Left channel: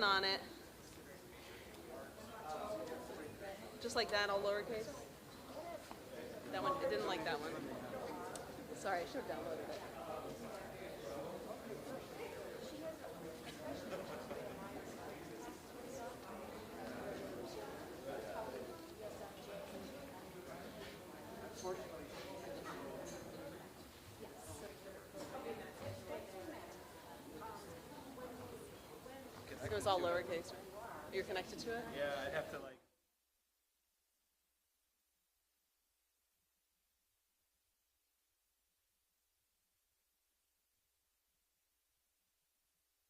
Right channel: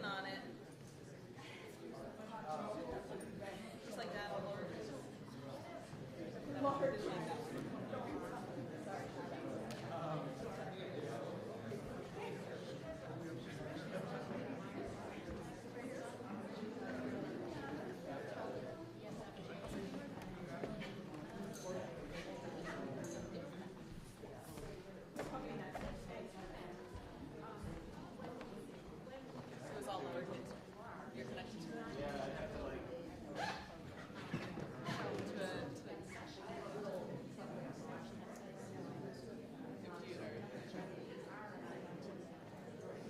working on it. Just like that, all lowercase. That one, I didn't like that one. Sorry, I should have done that. It was all lowercase. You're connected to it? Yeah, I'd have to like.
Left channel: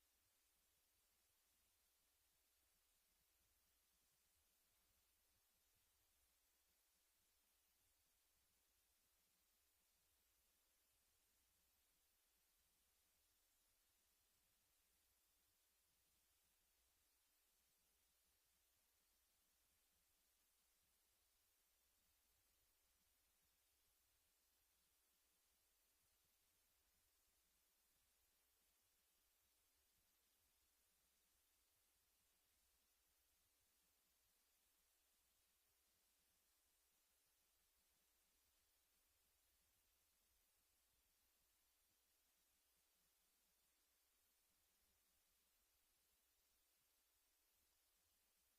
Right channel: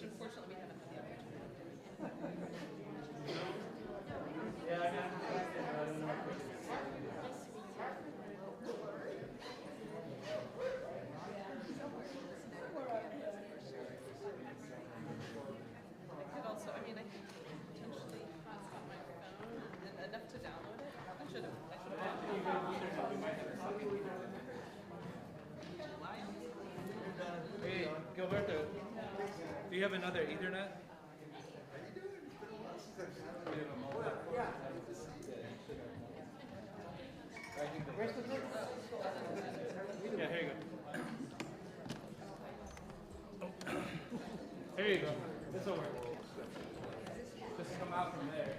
Unfortunately, we haven't had the opportunity. Yeah, I got it. I don't know. I could also, I mean, I could potentially hotspot my phone and enough to download it. I should have. Hey, Gilberto, do you have another Ethernet? Yeah, here you go. Here you go. This will work. Just come out from there.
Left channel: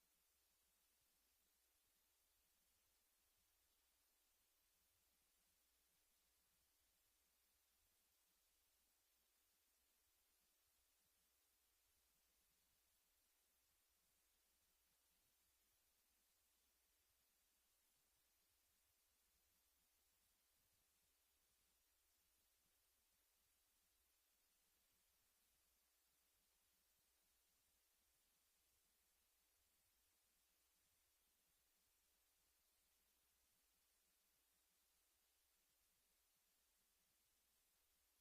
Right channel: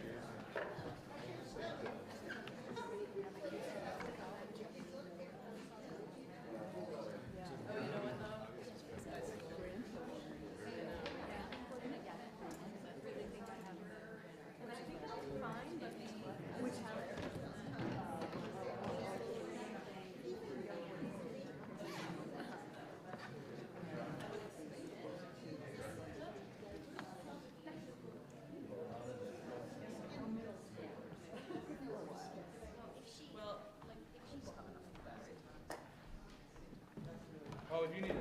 Oh, if you need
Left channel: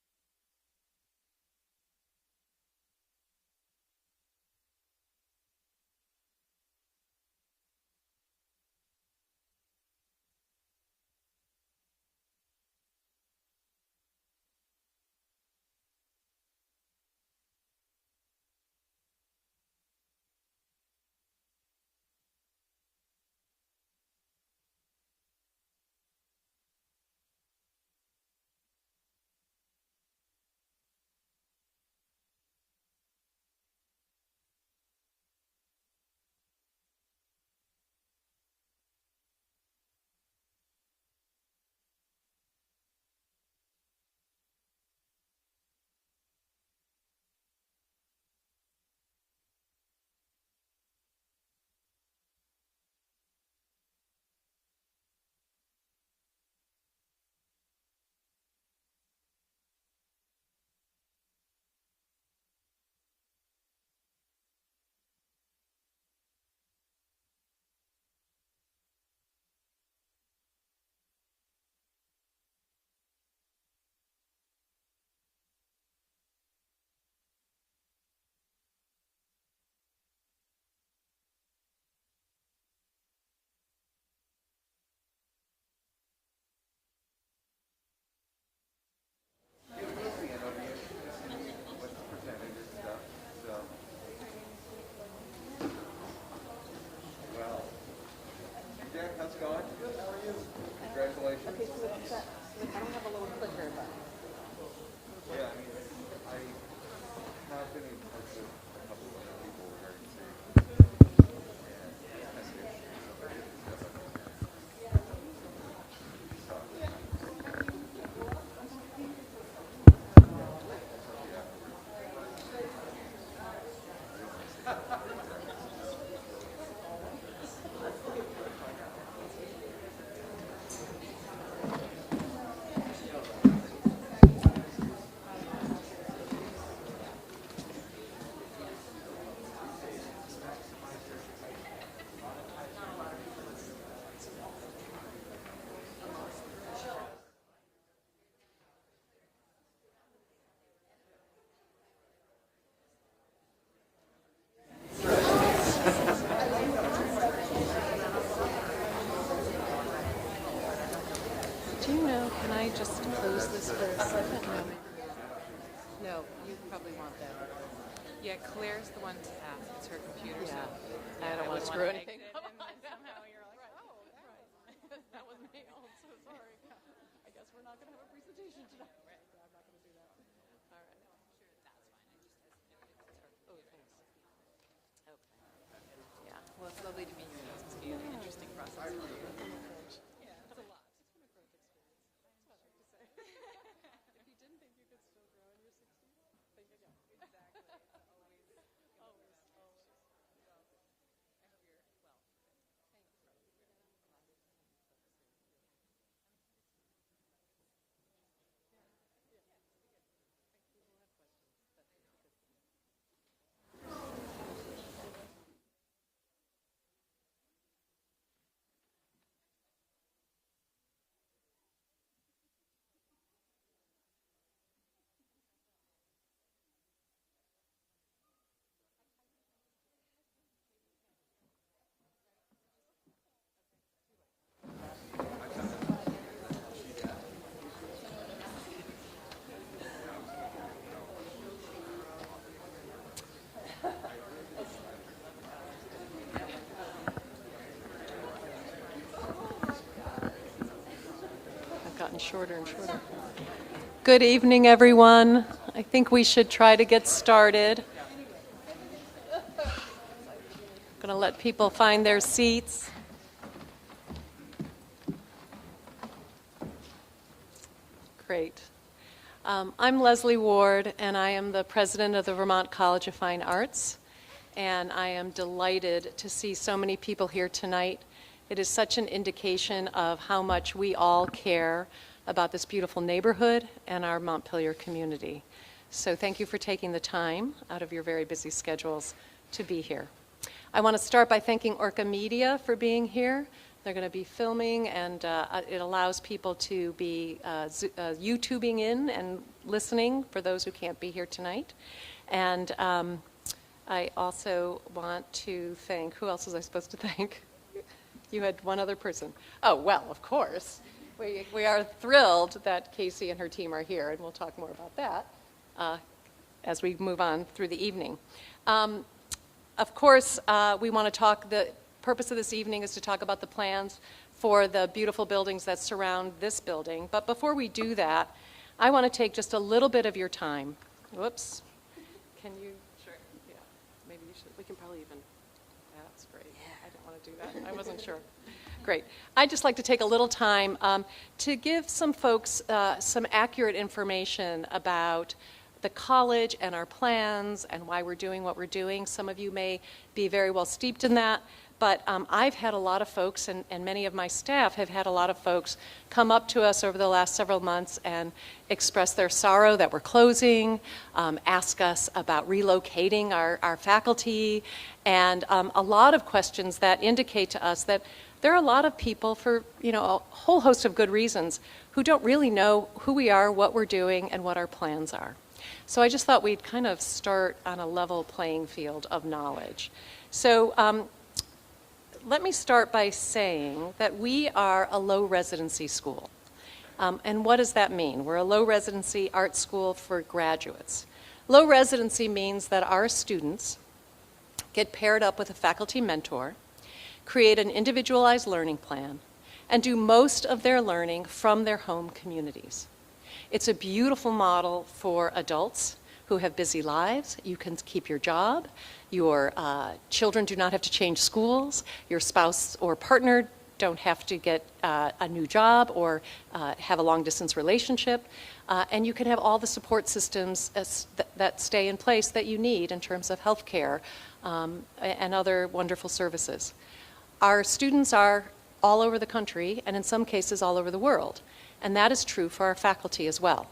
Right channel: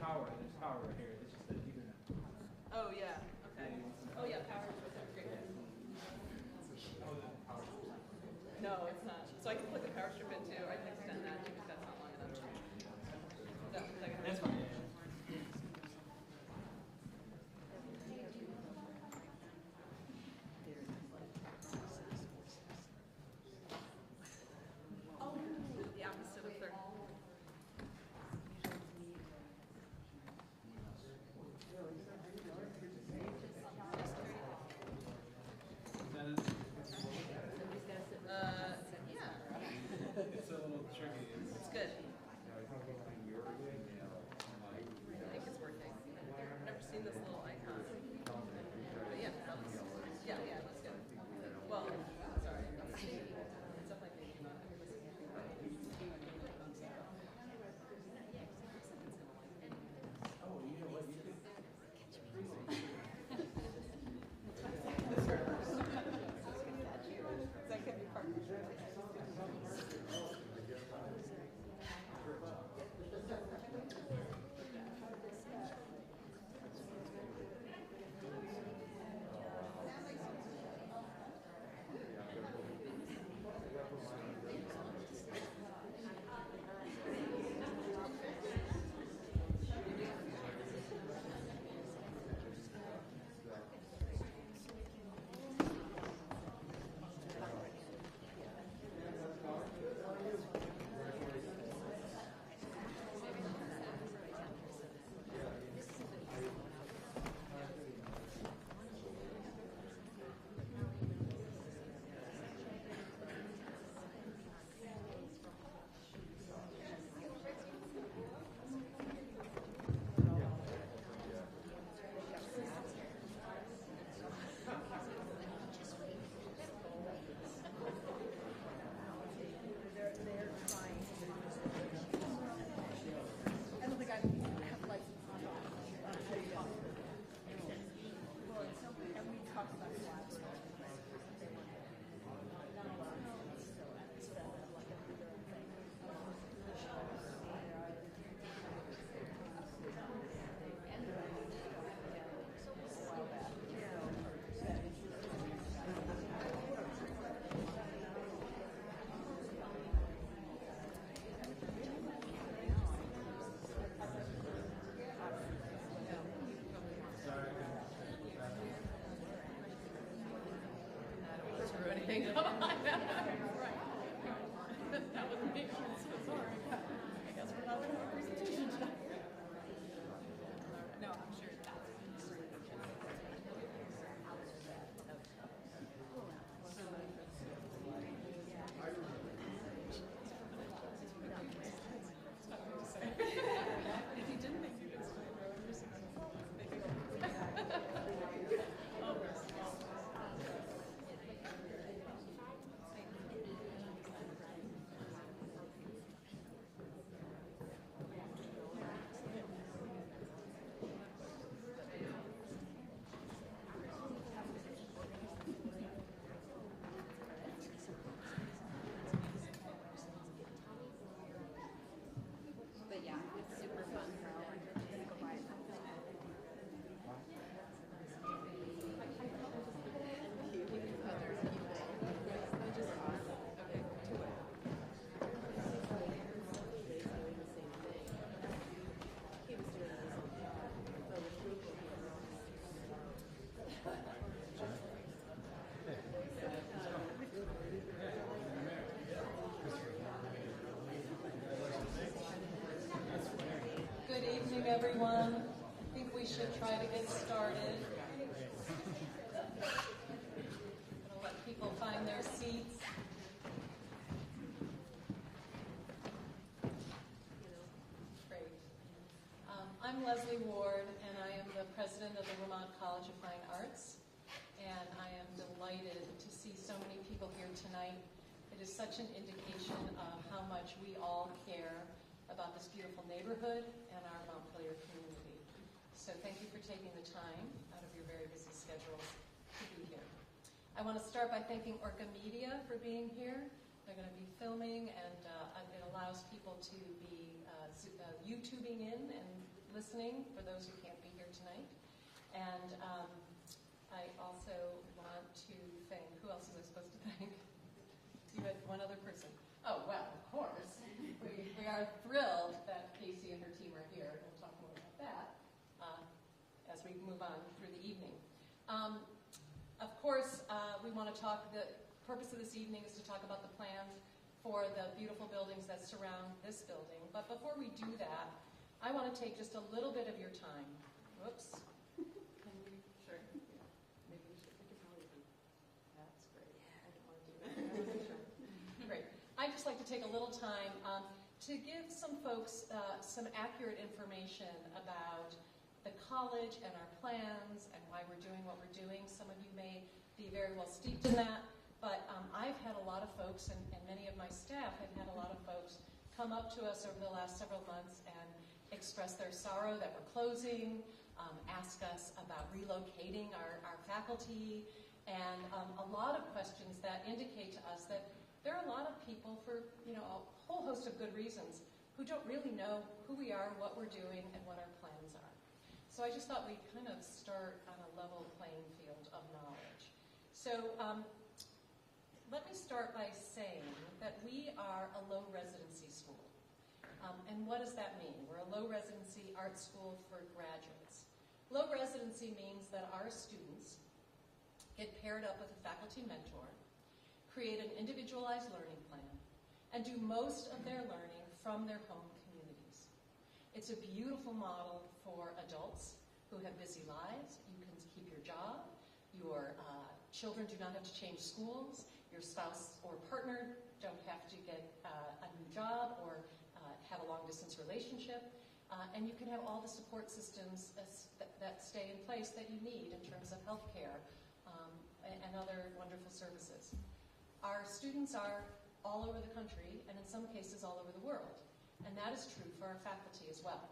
power, there's power right here. It's just an Ethernet. Oh, yeah. Okay. Oh, yeah, power is right there. Great. No, it's not. So I can plug the power strip in too. I can extend that too if that's not long enough. That's fine. Oh, the opposite of 30. Yeah. It's a little tricky. It's good. I think it's working. I've never seen this little icon. But yeah, yeah, that's good. Well, sorry. It's definitely making that. That could be part of it. How's it going? Good, how are you? Congratulations. Okay, so I don't have a little clicker, but. Yeah, I mean, I have been in touch with a couple of other people regarding Do you know, can I just close this for a second? No, you probably want that. Yeah, Claire's the one to have. It's her computer. Yeah. So I don't want to screw anything up. that was me. So sorry. I guess we're not doing a presentation tonight. No, I'm sure that's yeah. Well, it's lovely to meet you. This must be an interesting process for you. If you didn't think you could stay there, you're successful. I've gotten shorter and shorter. Good evening, everyone. I think we should try to get started. I'm going to let people find their seats. Great. I'm Leslie Ward, and I am the president of the Vermont College of Fine Arts. And I am delighted to see so many people here tonight. It is such an indication of how much we all care about this beautiful neighborhood and our Montpelier community. So thank you for taking the time out of your very busy schedules to be here. I want to start by thanking Orca Media for being here. They're going to be filming, and it allows people to be YouTubing in and listening for those who can't be here tonight. And I also want to thank, who else was I supposed to thank? You had one other person. Oh, well, of course. We are thrilled that Casey and her team are here, and we'll talk more about that as we move on through the evening. Of course, we want to talk, the purpose of this evening is to talk about the plans for the beautiful buildings that surround this building. But before we do that, I want to take just a little bit of your time. Whoops. Can you? Sure. Yeah. Maybe you should. We can probably even. Yeah, that's great. Yeah. I didn't want to do that. I wasn't sure. Great. I'd just like to take a little time to give some folks some accurate information about the college and our plans and why we're doing what we're doing. Some of you may be very well steeped in that, but I've had a lot of folks, and many of my staff have had a lot of folks come up to us over the last several months and express their sorrow that we're closing, ask us about relocating our faculty, and a lot of questions that indicate to us that there are a lot of people, for a whole host of good reasons, who don't really know who we are, what we're doing, and what our plans are. So I just thought we'd kind of start on a level playing field of knowledge. So let me start by saying that we are a low residency school. And what does that mean? We're a low residency art school for graduates. Low residency means that our students get paired up with a faculty mentor, create an individualized learning plan, and do most of their learning from their home communities. It's a beautiful model for adults who have busy lives. You can keep your job. Your children do not have to change schools. Your spouse or partner don't have to get a new job or have a long-distance relationship. And you can have all the support systems that stay in place that you need in terms of health care and other wonderful services. Our students are all over the country, and in some cases all over the world. And that is true for our faculty as well.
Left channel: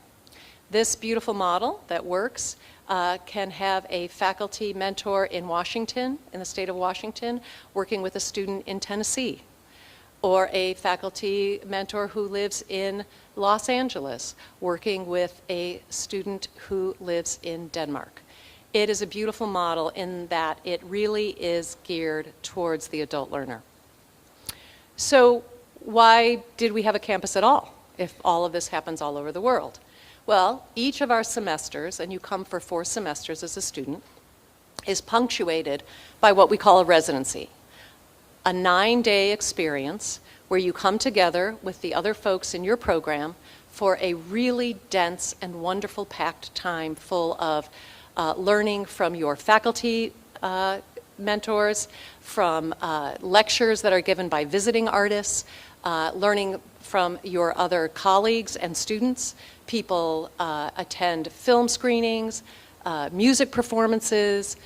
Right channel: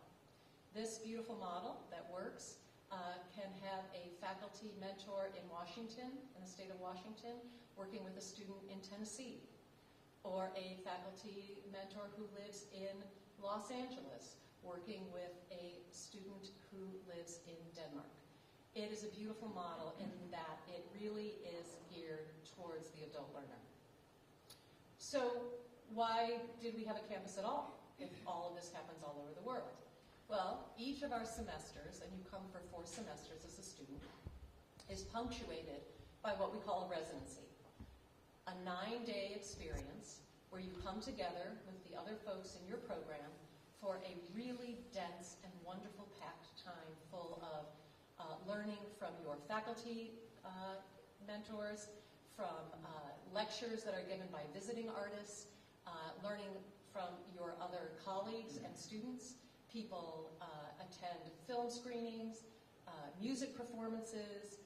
This beautiful model that works can have a faculty mentor in Washington, in the state of Washington, working with a student in Tennessee, or a faculty mentor who lives in Los Angeles, working with a student who lives in Denmark. It is a beautiful model in that it really is geared towards the adult learner. So why did we have a campus at all, if all of this happens all over the world? Well, each of our semesters, and you come for 4 semesters as a student, is punctuated by what we call a residency, a 9-day experience where you come together with the other folks in your program for a really dense and wonderful packed time full of learning from your faculty mentors, from lectures that are given by visiting artists, learning from your other colleagues and students. People attend film screenings, music performances,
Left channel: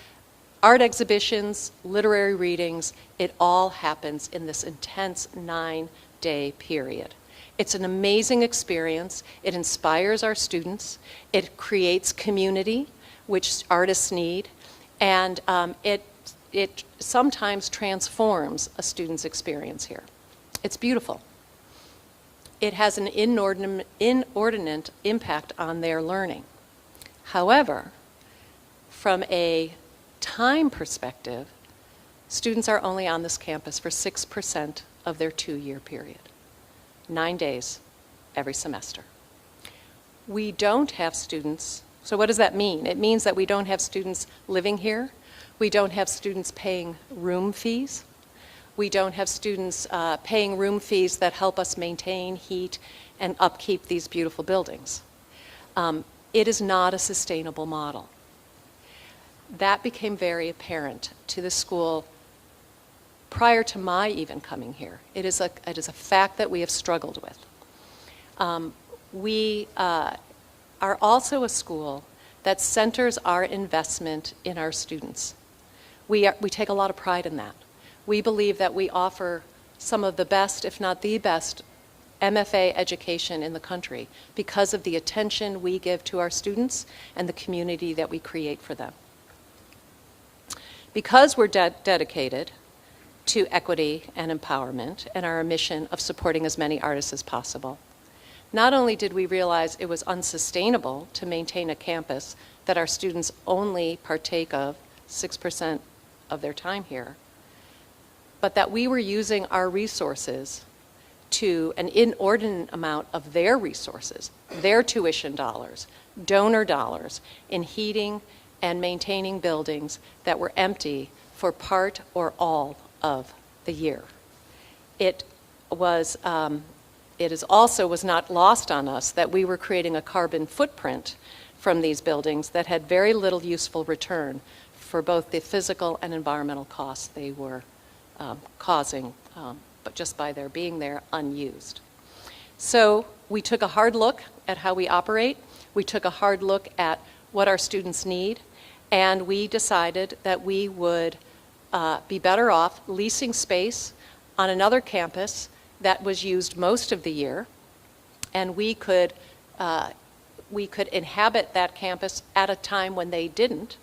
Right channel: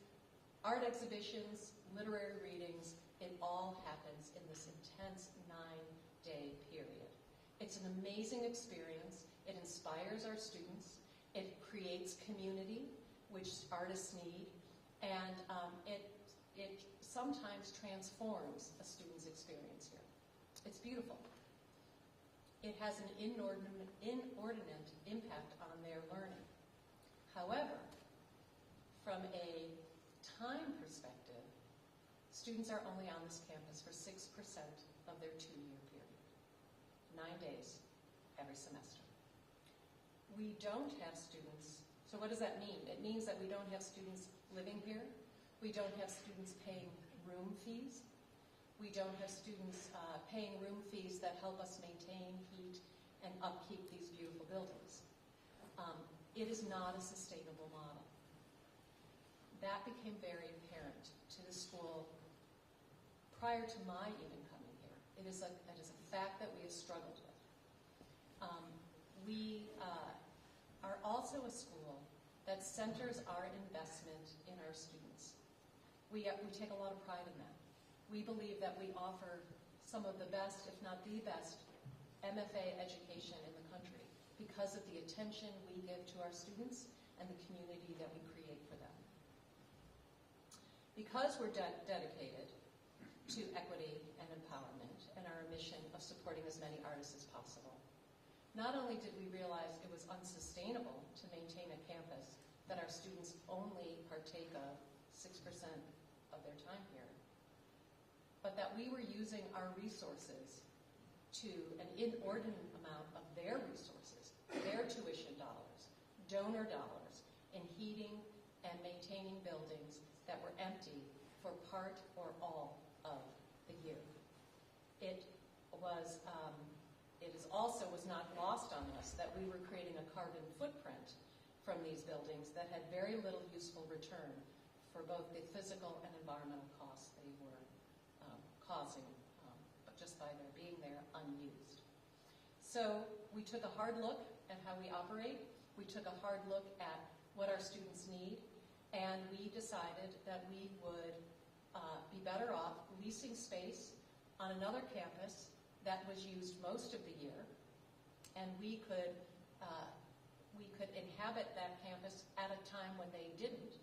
art exhibitions, literary readings. It all happens in this intense 9-day period. It's an amazing experience. It inspires our students. It creates community, which artists need, and it sometimes transforms a student's experience here. It's beautiful. It has an inordinate impact on their learning. However, from a time perspective, students are only on this campus for 6% of their 2-year period, 9 days every semester. We don't have students, so what does that mean? It means that we don't have students living here. We don't have students paying room fees. We don't have students paying room fees that help us maintain, heat, and upkeep these beautiful buildings. It is not a sustainable model. That became very apparent to the school prior to my even coming here. It is a fact that we have struggled with. We are also a school that centers our investment in our students. We take a lot of pride in that. We believe that we offer some of the best, if not the best, MFA education in the country because of the attention we give to our students and the community that we create for them. Because we're dedicated to equity and empowerment and our mission of supporting as many artists as possible, not only did we realize it was unsustainable to maintain a campus that our students only partake of 6% of their time here, but that we were using our resources to an inordinate amount of their resources, their tuition dollars, donor dollars, in heating and maintaining buildings that were empty for part or all of the year. It was not lost on us that we were creating a carbon footprint from these buildings that had very little useful return for both the physical and environmental costs they were causing, but just by their being there unused. So we took a hard look at how we operate. We took a hard look at what our students need, and we decided that we would be better off leasing space on another campus that was used most of the year, and we could inhabit that campus at a time when they didn't,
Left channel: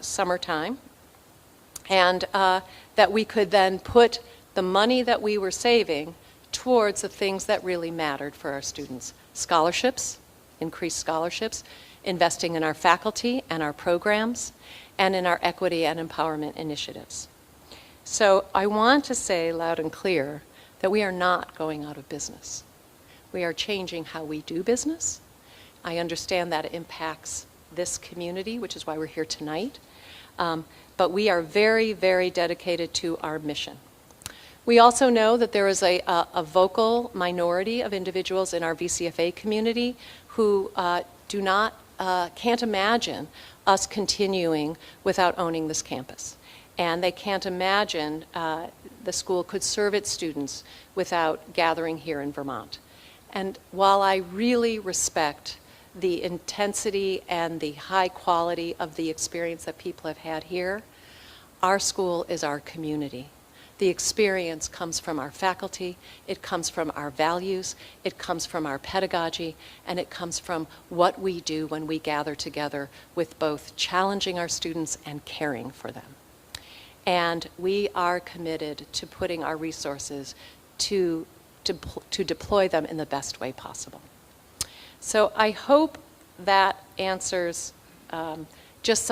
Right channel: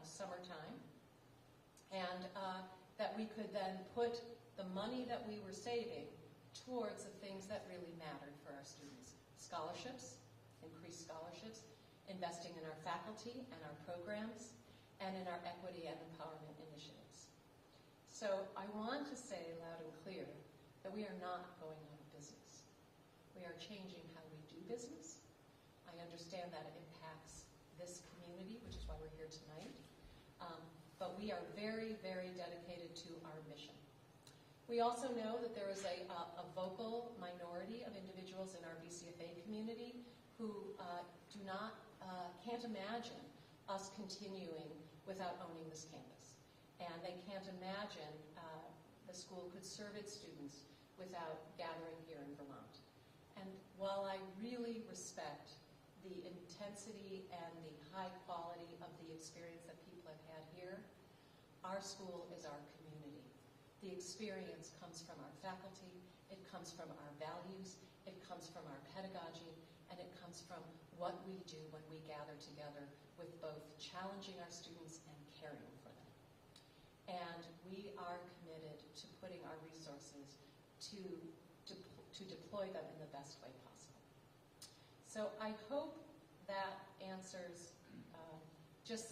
summertime, and that we could then put the money that we were saving towards the things that really mattered for our students. Scholarships, increased scholarships, investing in our faculty and our programs, and in our equity and empowerment initiatives. So I want to say loud and clear that we are not going out of business. We are changing how we do business. I understand that it impacts this community, which is why we're here tonight. But we are very, very dedicated to our mission. We also know that there is a vocal minority of individuals in our VCFA community who can't imagine us continuing without owning this campus. And they can't imagine the school could serve its students without gathering here in Vermont. And while I really respect the intensity and the high quality of the experience that people have had here, our school is our community. The experience comes from our faculty, it comes from our values, it comes from our pedagogy, and it comes from what we do when we gather together with both challenging our students and caring for them. And we are committed to putting our resources to deploy them in the best way possible. So I hope that answers just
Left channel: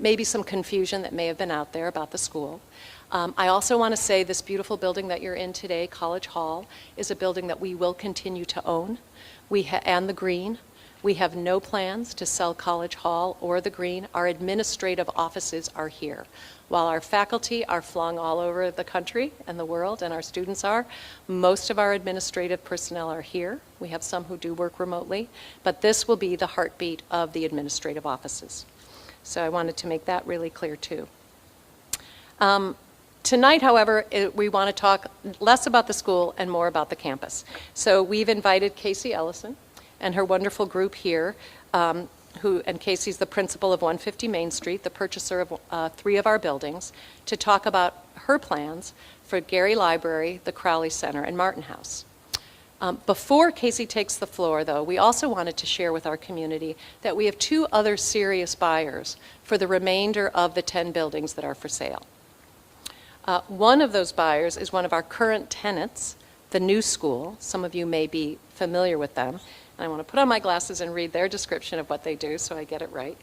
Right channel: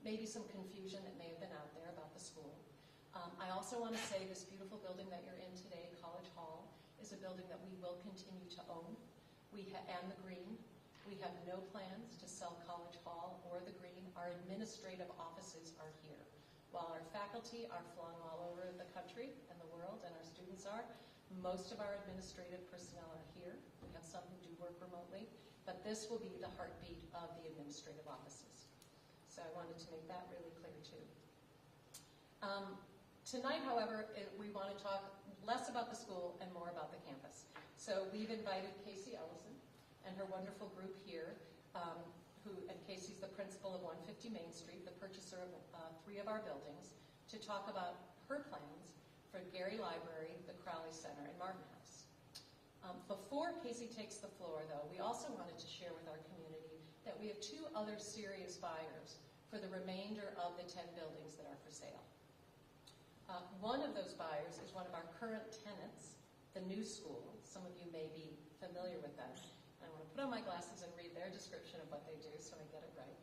maybe some confusion that may have been out there about the school. I also want to say this beautiful building that you're in today, College Hall, is a building that we will continue to own. And the green. We have no plans to sell College Hall or the Green. Our administrative offices are here. While our faculty are flung all over the country and the world, and our students are, most of our administrative personnel are here. We have some who do work remotely, but this will be the heartbeat of the administrative offices. So I wanted to make that really clear too. Tonight, however, we want to talk less about the school and more about the campus. So we've invited Casey Ellison and her wonderful group here, and Casey's the principal of 150 Main Street, the purchaser of 3 of our buildings, to talk about her plans for Gary Library, the Crowley Center, and Martin House. Before Casey takes the floor, though, we also wanted to share with our community that we have 2 other serious buyers for the remainder of the 10 buildings that are for sale. One of those buyers is one of our current tenants, the New School. Some of you may be familiar with them. And I want to put on my glasses and read their description of what they do so I get it right.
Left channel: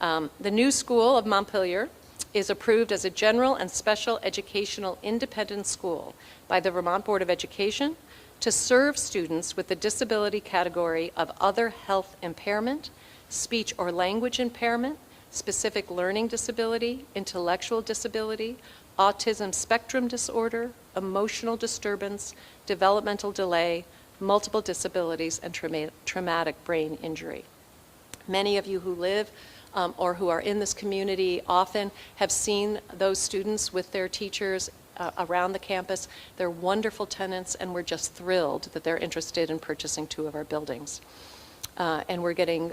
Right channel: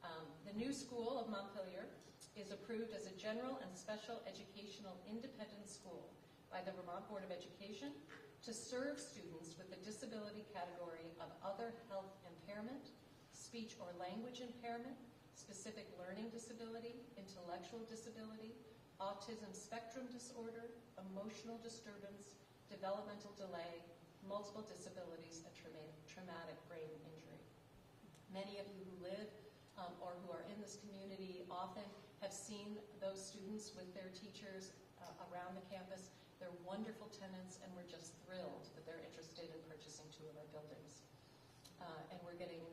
The New School of Montpelier is approved as a general and special educational independent school by the Vermont Board of Education to serve students with the disability category of other health impairment, speech or language impairment, specific learning disability, intellectual disability, autism spectrum disorder, emotional disturbance, developmental delay, multiple disabilities, and traumatic brain injury. Many of you who live or who are in this community often have seen those students with their teachers around the campus. They're wonderful tenants, and we're just thrilled that they're interested in purchasing 2 of our buildings. And we're getting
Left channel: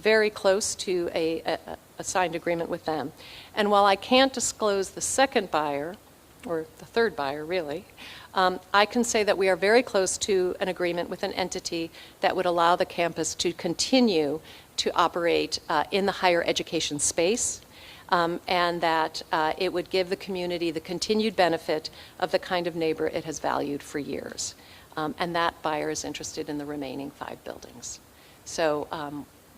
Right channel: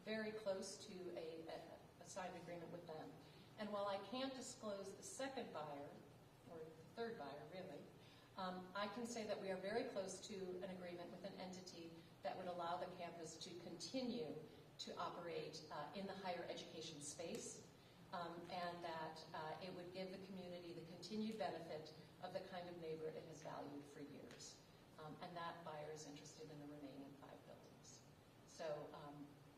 very close to a signed agreement with them. And while I can't disclose the second buyer, or the third buyer really, I can say that we are very close to an agreement with an entity that would allow the campus to continue to operate in the higher education space, and that it would give the community the continued benefit of the kind of neighbor it has valued for years. And that buyer is interested in the remaining 5 buildings. So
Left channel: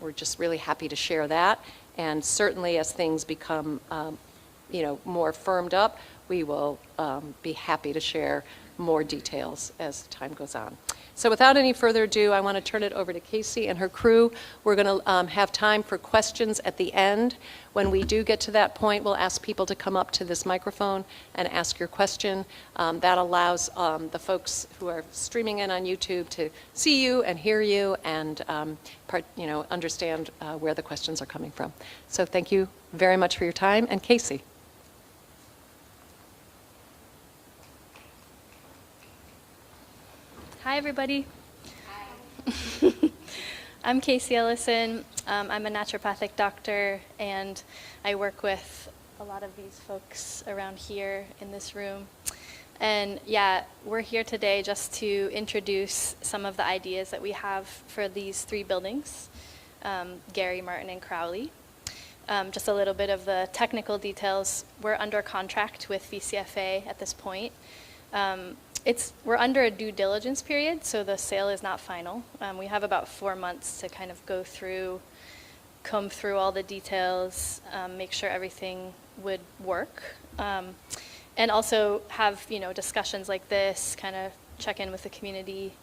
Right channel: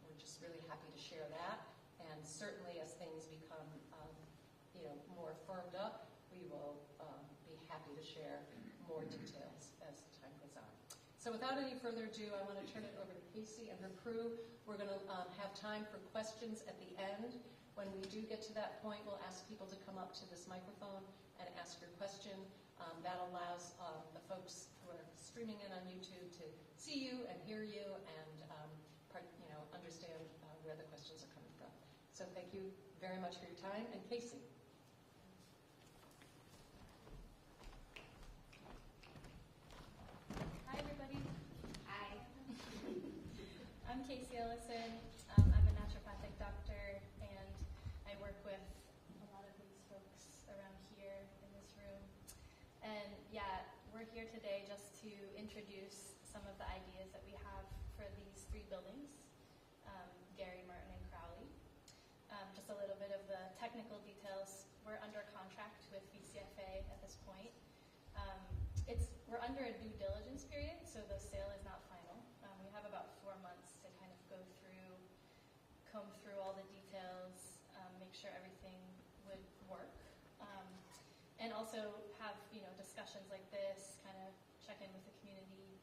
we're just really happy to share that, and certainly as things become more firmed up, we will be happy to share more details as time goes on. So without any further ado, I want to turn it over to Casey and her crew. We're going to have time for questions at the end. When we do get to that point, we'll ask people to come up to this microphone and ask your question. That allows the folks who are streaming in on YouTube to see you and hear you and understand where the questions are coming from. So thank you very much for your time. And Casey. Hi, everybody. Hi. I'm Casey Ellison. I'm a naturopathic doctor, and I work with a lot of these folks around here in this room. And yeah, we're here today just to introduce some of the ideas that we have for these 3 buildings, Gary, Martin, and Crowley. Just a little bit of the technical details. We're under contract with VCFA at this point. We're under a due diligence period, so the sale is not final. We have about 4 months to kind of go through, comb through all the details, make sure everything would work, and also have discussions like this, kind of check in with the community,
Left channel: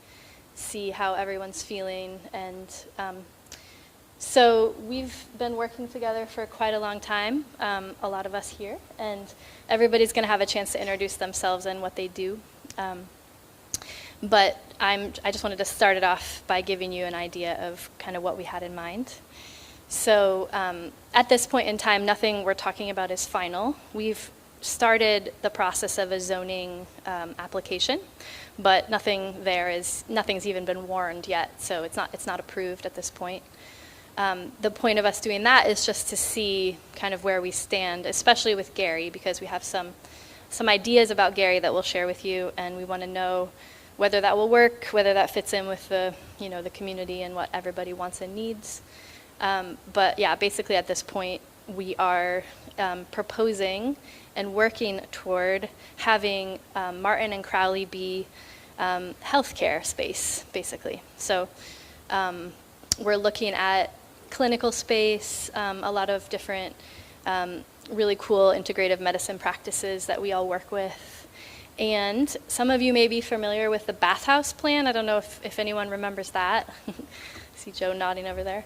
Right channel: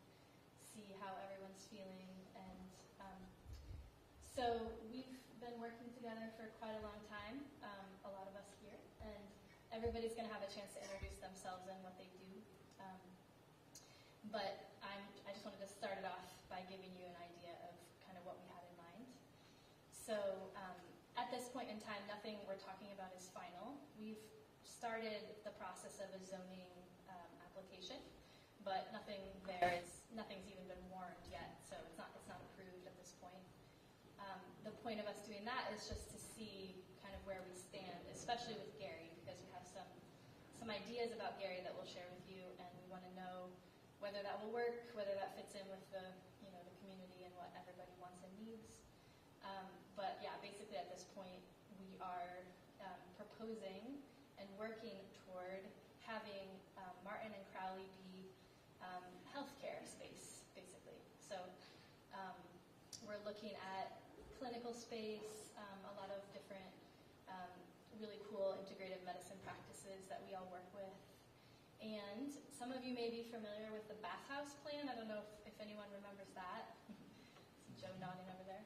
see how everyone's feeling, and so we've been working together for quite a long time, a lot of us here, and everybody's going to have a chance to introduce themselves and what they do. But I just wanted to start it off by giving you an idea of kind of what we had in mind. So at this point in time, nothing we're talking about is final. We've started the process of a zoning application, but nothing's even been warned yet, so it's not approved at this point. The point of us doing that is just to see kind of where we stand, especially with Gary, because we have some ideas about Gary that we'll share with you, and we want to know whether that will work, whether that fits in with the community and what everybody wants and needs. But yeah, basically at this point, we are proposing and working toward having Martin and Crowley be healthcare space, basically. So we're looking at clinical space, a lot of different really cool integrative medicine practices that we all work with. And some of you may be familiar with the bathhouse plan. I don't know if anyone remembers that. See Joe nodding over there.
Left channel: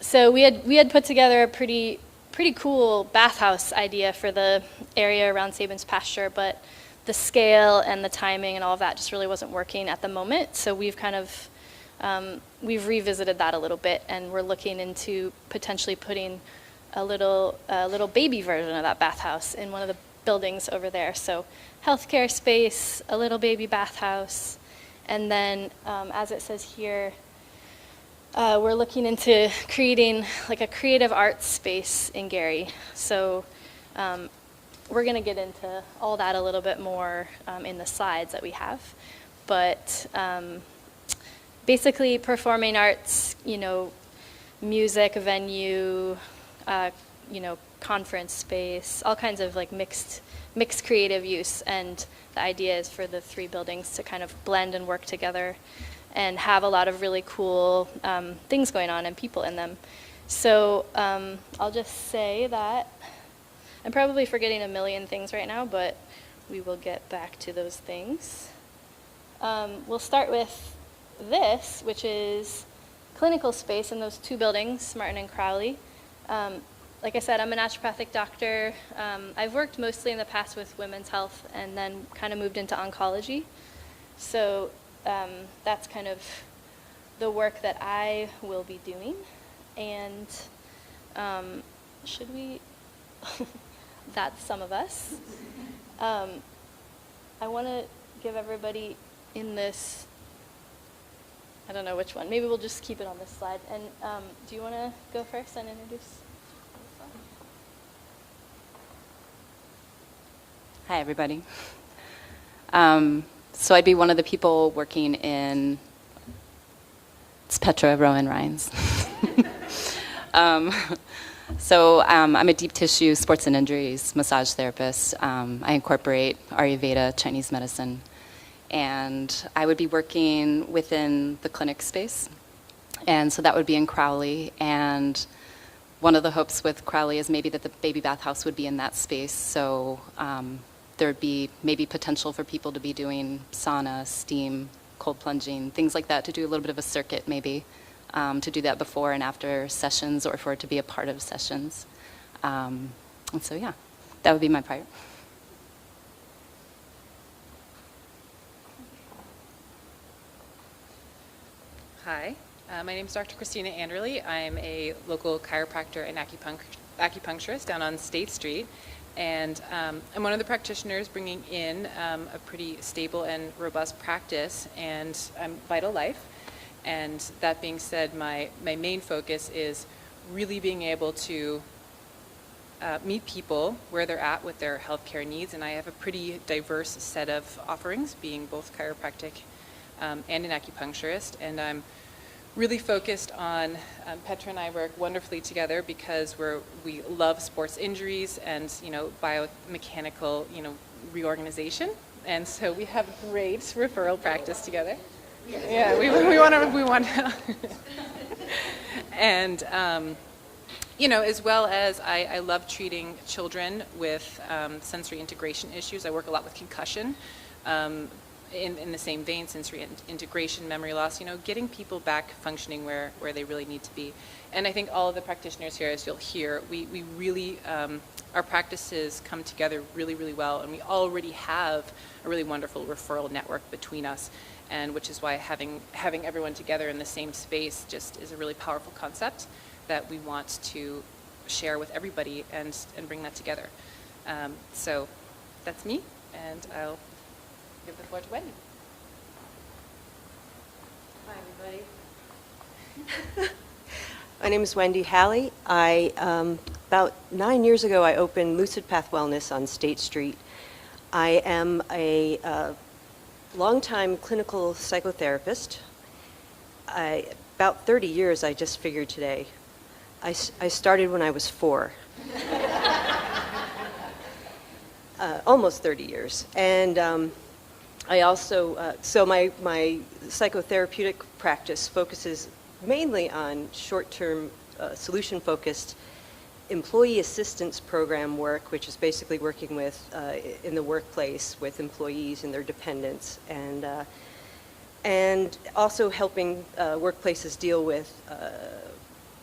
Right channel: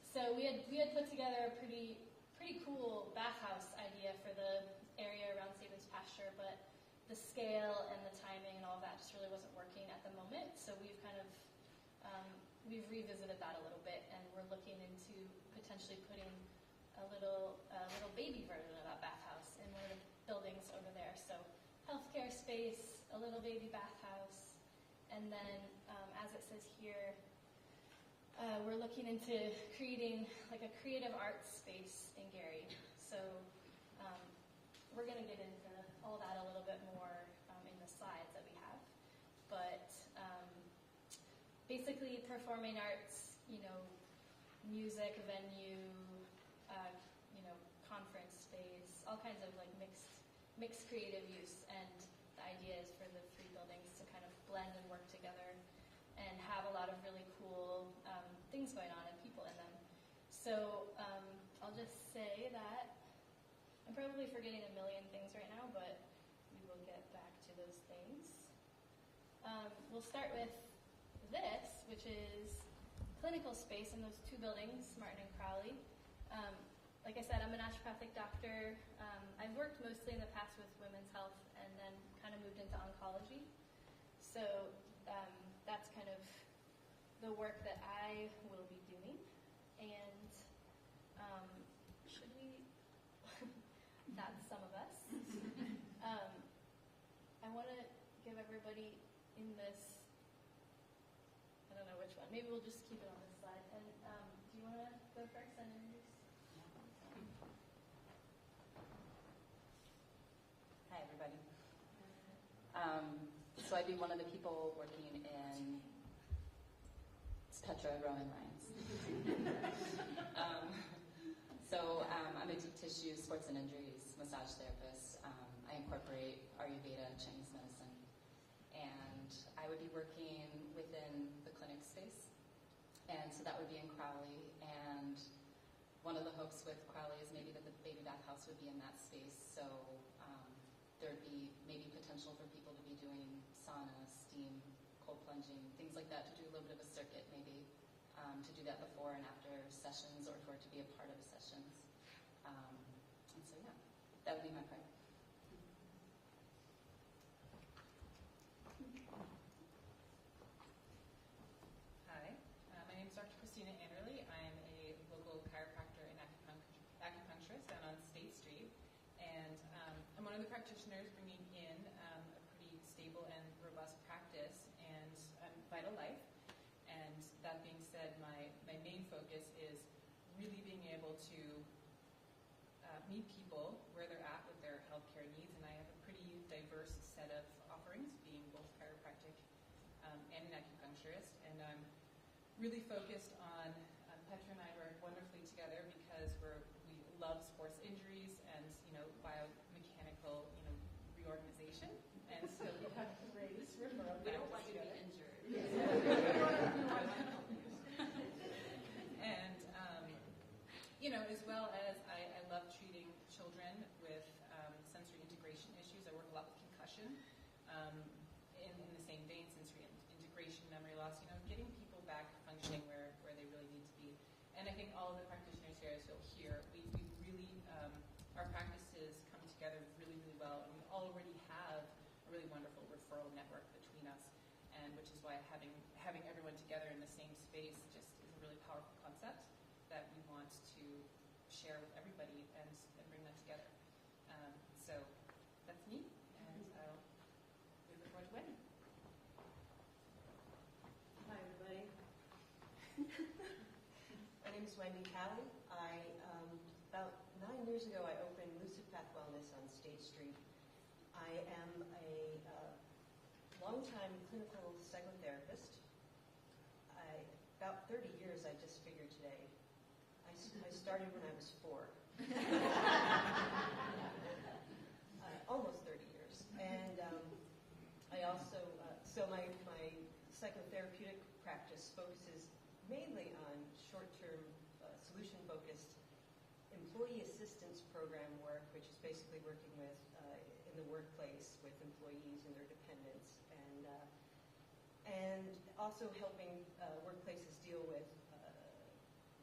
So we had put together a pretty cool bathhouse idea for the area around Sabin's pasture, but the scale and the timing and all of that just really wasn't working at the moment. So we've kind of we've revisited that a little bit, and we're looking into potentially putting a little baby version of that bathhouse in one of the buildings over there. So healthcare space, a little baby bathhouse, and then as it says here, we're looking into creating like a creative arts space in Gary. So we're going to get into all that a little bit more in the slides that we have. But basically performing arts, music, venue, conference space, all kinds of like mixed creative use. And the idea is for the three buildings to kind of blend and work together and have a lot of really cool things going on and people in them. So I'll just say that I'm probably forgetting a million things right now, but we will get back to those things. We'll start with this, which is clinical space in those two buildings, Martin and Crowley. Like I said, I'm a naturopathic doctor. I've worked mostly in the past with women's health and then kind of moved into oncology. So that's kind of the work that I will be doing. And should we, that's some of us. I want to give everybody in this, I don't know which one, maybe we'll just keep it on this slide. And do you want to go first and introduce? Hi, everybody. So I'd be one of the people working in, it's Petra Rowan Rhines. I'm a deep tissue sports and injuries massage therapist. I incorporate Ayurveda, Chinese medicine, and I would be working within the clinic space. And so that would be in Crowley, and one of the hopes with Crowley is maybe that the baby bathhouse would be in that space. So there would be maybe potential for people to be doing sauna, steam, cold plunging, things like that, to do a little bit of a circuit maybe, to do that before and after sessions or for it to be a part of sessions. And so yeah, that would be my part. Hi, my name is Dr. Christina Anderle. I'm a local chiropractor and acupuncturist down on State Street. And I'm one of the practitioners bringing in a pretty stable and robust practice, and I'm Vital Life. And that being said, my main focus is really being able to meet people where they're at with their healthcare needs. And I have a pretty diverse set of offerings, being both chiropractic and an acupuncturist. And I'm really focused on, Petra and I work wonderfully together because we love sports injuries and, biomechanical, reorganization. And so we have great referral practice together. Yeah, we want to. And, as well as I love treating children with sensory integration issues. I work a lot with concussion. In the same vein, sensory integration, memory loss, getting people back functioning where they really need to be. And I think all of the practitioners here, as you'll hear, we really, our practices come together really, really well, and we already have a really wonderful referral network between us, and which is why having everyone together in the same space just is a really powerful concept that we want to share with everybody and bring that together. So that's me, and I'll give the floor to Wendy. Hi, everybody. My name is Wendy Halley. About 9 years ago, I opened Lucid Path Wellness on State Street. I am a longtime clinical psychotherapist. About 30 years, I just figured today. I started when I was 4. Almost 30 years. And I also, so my psychotherapeutic practice focuses mainly on short-term, solution-focused employee assistance program work, which is basically working with, in the workplace with employees and their dependents. And and also helping workplaces deal with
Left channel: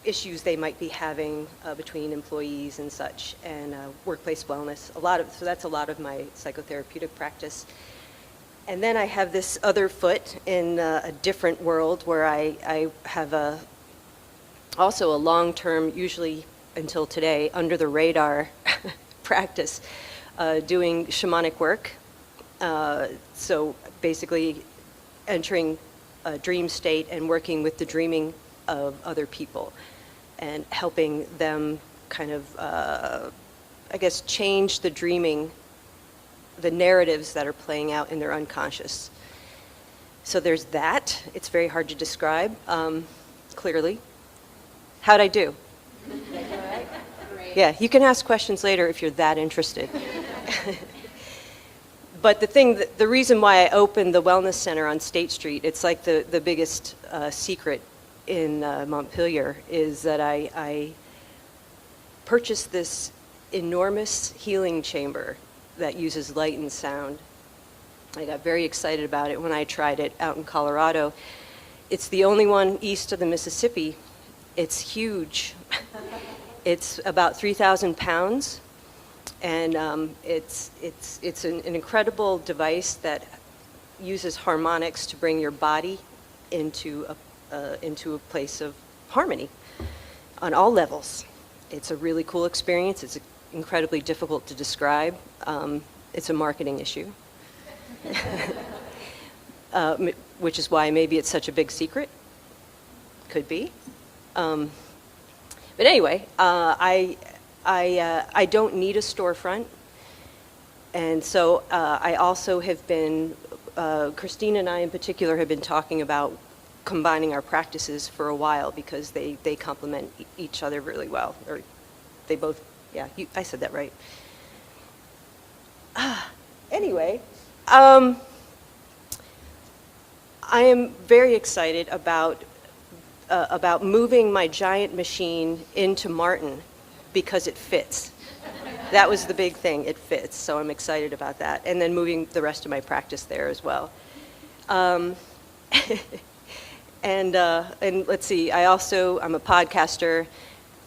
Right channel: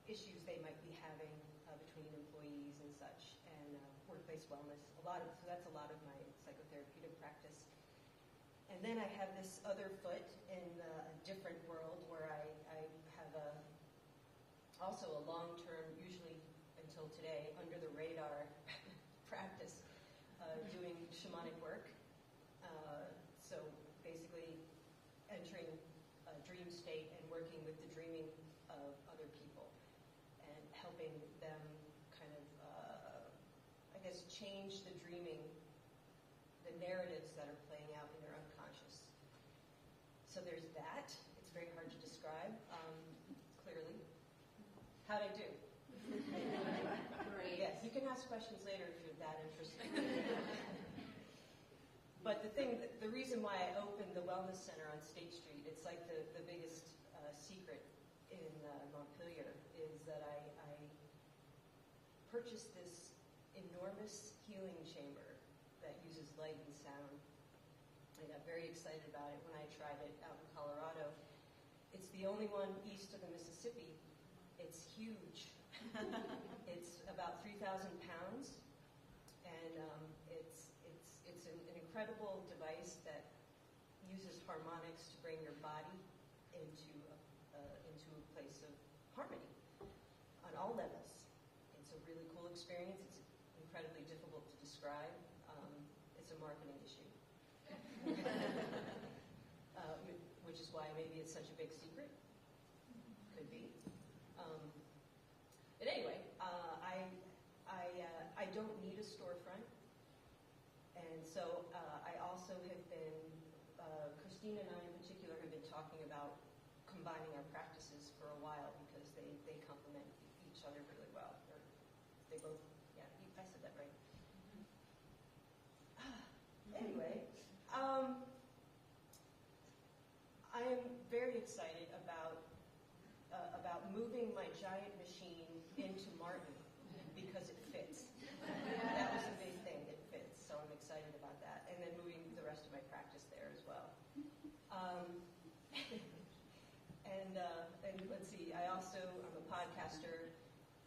issues they might be having between employees and such, and workplace wellness. So that's a lot of my psychotherapeutic practice. And then I have this other foot in a different world where I have also a long-term, usually until today, under the radar practice, doing shamanic work. So basically entering a dream state and working with the dreaming of other people and helping them kind of, I guess, change the dreaming, the narratives that are playing out in their unconscious. So there's that. It's very hard to describe, clearly. How'd I do? Yeah, you can ask questions later if you're that interested. But the reason why I opened the Wellness Center on State Street, it's like the biggest secret in Montpelier, is that I purchased this enormous healing chamber that uses light and sound. I got very excited about it when I tried it out in Colorado. It's the only one east of the Mississippi. It's huge. It's about 3,000 pounds, and it's an incredible device that uses harmonics to bring your body into a place of harmony on all levels. It's a really cool experience. It's incredibly difficult to describe. It's a marketing issue, which is why maybe it's such a big secret. Could be. But anyway, I don't need a storefront, and so I also have been, Christina and I in particular have been talking about combining our practices for a while because they complement each other really well, or they both, yeah, I said that right. Anyway, I am very excited about moving my giant machine into Martin because it fits. That was the big thing, it fits, so I'm excited about that. And then moving the rest of my practice there as well. And let's see, I'm a podcaster.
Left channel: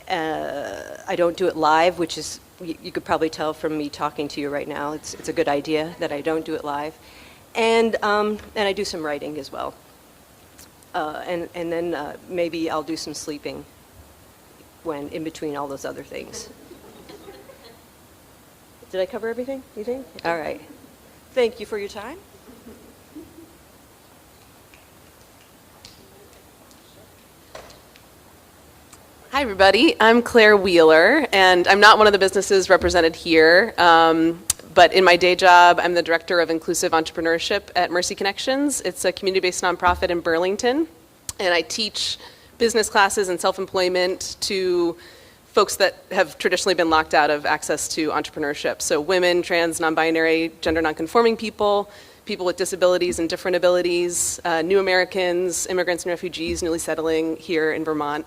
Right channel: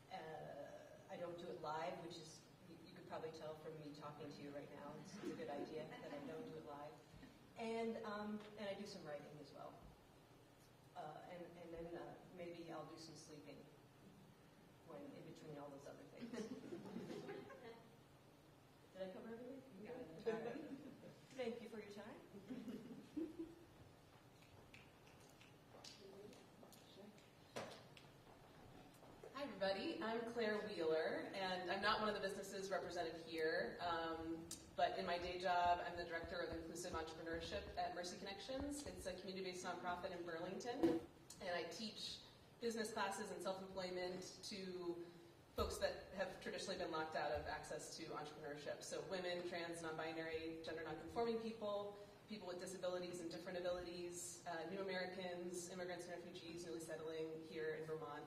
I don't do it live, which is, you could probably tell from me talking to you right now, it's a good idea that I don't do it live. And I do some writing as well. And then maybe I'll do some sleeping when in between all those other things. Did I cover everything, you think? All right. Thank you for your time. Hi, everybody. I'm Claire Wheeler, and I'm not one of the businesses represented here. But in my day job, I'm the Director of Inclusive Entrepreneurship at Mercy Connections. It's a community-based nonprofit in Burlington, and I teach business classes and self-employment to folks that have traditionally been locked out of access to entrepreneurship. So women, trans, non-binary, gender non-conforming people, people with disabilities and different abilities, new Americans, immigrants and refugees newly settling here in Vermont.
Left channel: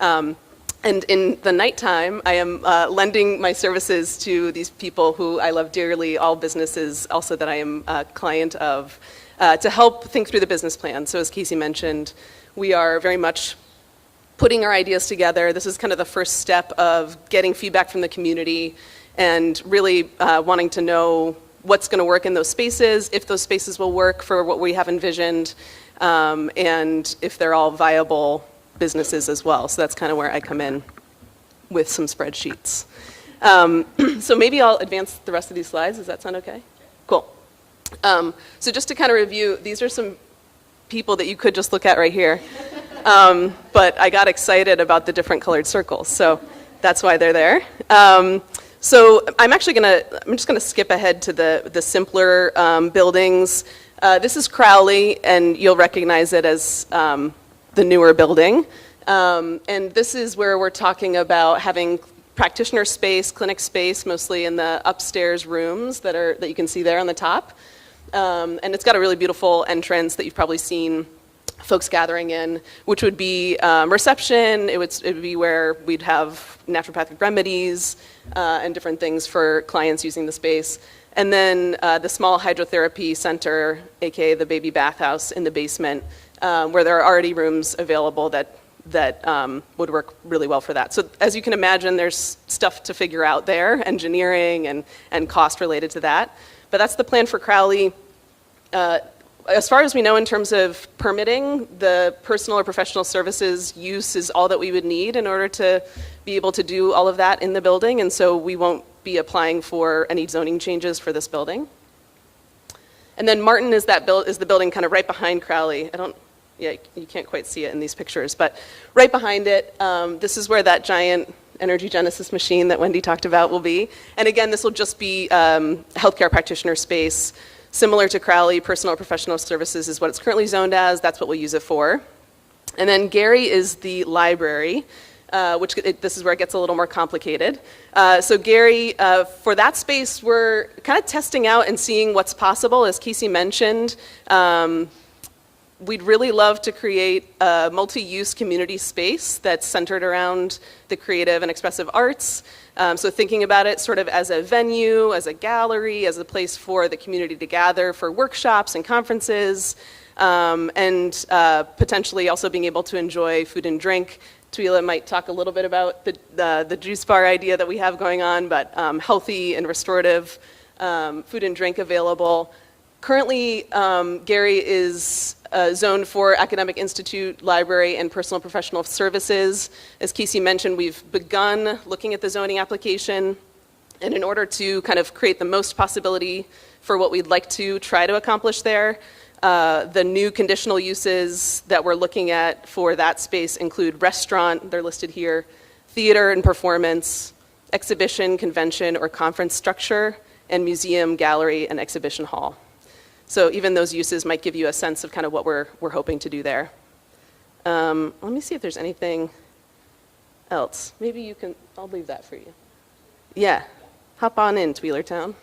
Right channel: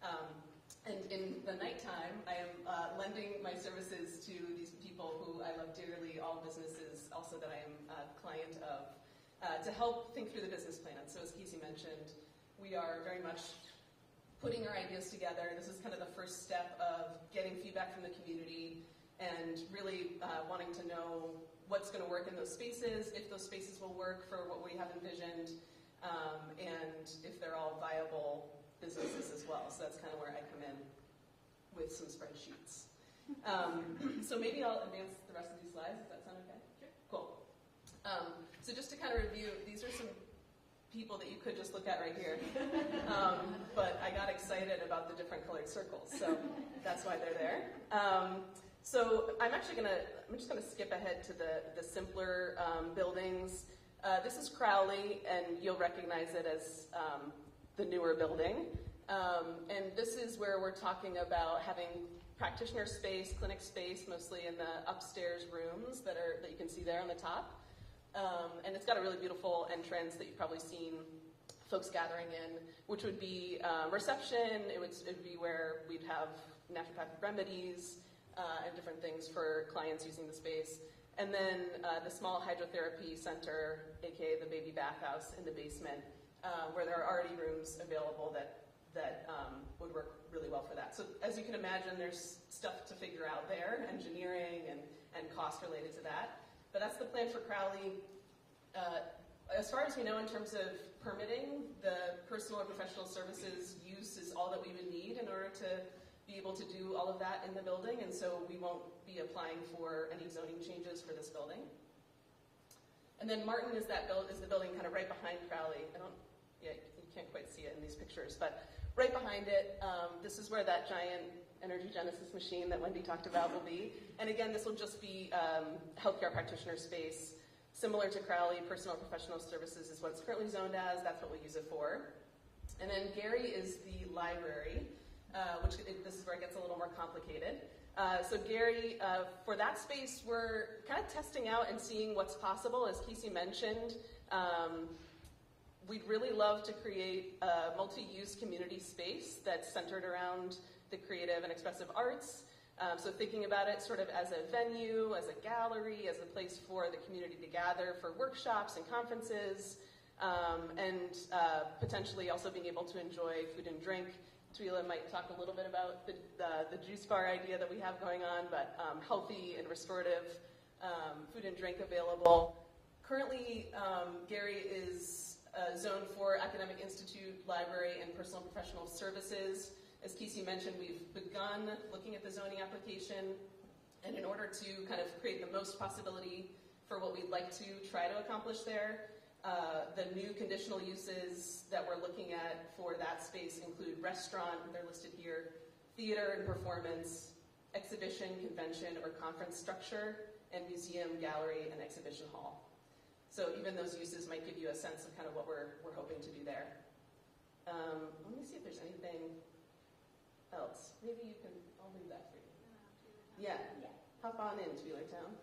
And in the nighttime, I am lending my services to these people who I love dearly, all businesses also that I am a client of, to help think through the business plan. So as Casey mentioned, we are very much putting our ideas together. This is kind of the first step of getting feedback from the community and really wanting to know what's going to work in those spaces, if those spaces will work for what we have envisioned, and if they're all viable businesses as well. So that's kind of where I come in with some spreadsheets. So maybe I'll advance the rest of these slides. Does that sound okay? Cool. So just to kind of review, these are some people that you could just look at right here. But I got excited about the different colored circles, so that's why they're there. So I'm just gonna skip ahead to the simpler buildings. This is Crowley, and you'll recognize it as the newer building. And this is where we're talking about having practitioner space, clinic space, mostly in the upstairs rooms that you can see there on the top. And it's got a really beautiful entrance that you've probably seen folks gathering in, which would be reception. It would be where we'd have naturopathic remedies and different things for clients using the space. and then the small hydrotherapy center, aka the baby bathhouse in the basement, where there are already rooms available that would work really well for that. So as you can imagine, there's stuff to figure out there, engineering and cost related to that. But that's the plan for Crowley. As far as we know in terms of permitting, the personal or professional services use is all that we would need in order to be able to do all of that in the building, and so we won't be applying for any zoning changes for this building. And then Martin is the building kind of right behind Crowley. Yeah, you can't quite see it in these pictures, but right behind it, this is where that giant energy genesis machine that Wendy talked about will be. And again, this will just be healthcare practitioner space. Similar to Crowley, personal or professional services is what it's currently zoned as. That's what we'll use it for. And then Gary is the library, this is where it gets a little more complicated. So Gary, for that space, we're kind of testing out and seeing what's possible. As Casey mentioned, we'd really love to create a multi-use community space that's centered around the creative and expressive arts. So thinking about it sort of as a venue, as a gallery, as a place for the community to gather for workshops and conferences, and potentially also being able to enjoy food and drink. Twila might talk a little bit about the juice bar idea that we have going on, but healthy and restorative food and drink available. Currently, Gary is zoned for Academic Institute, Library, and Personal Professional Services. As Casey mentioned, we've begun looking at the zoning application, and in order to kind of create the most possibility for what we'd like to try to accomplish there, the new conditional uses that we're looking at for that space include restaurant, they're listed here, theater and performance, exhibition, convention, or conference structure, and museum, gallery, and exhibition hall. So even those uses might give you a sense of kind of what we're hoping to do there. Let me see if there's anything else. Maybe you can, I'll leave that for you. Yeah, hop on in, Tweelertown.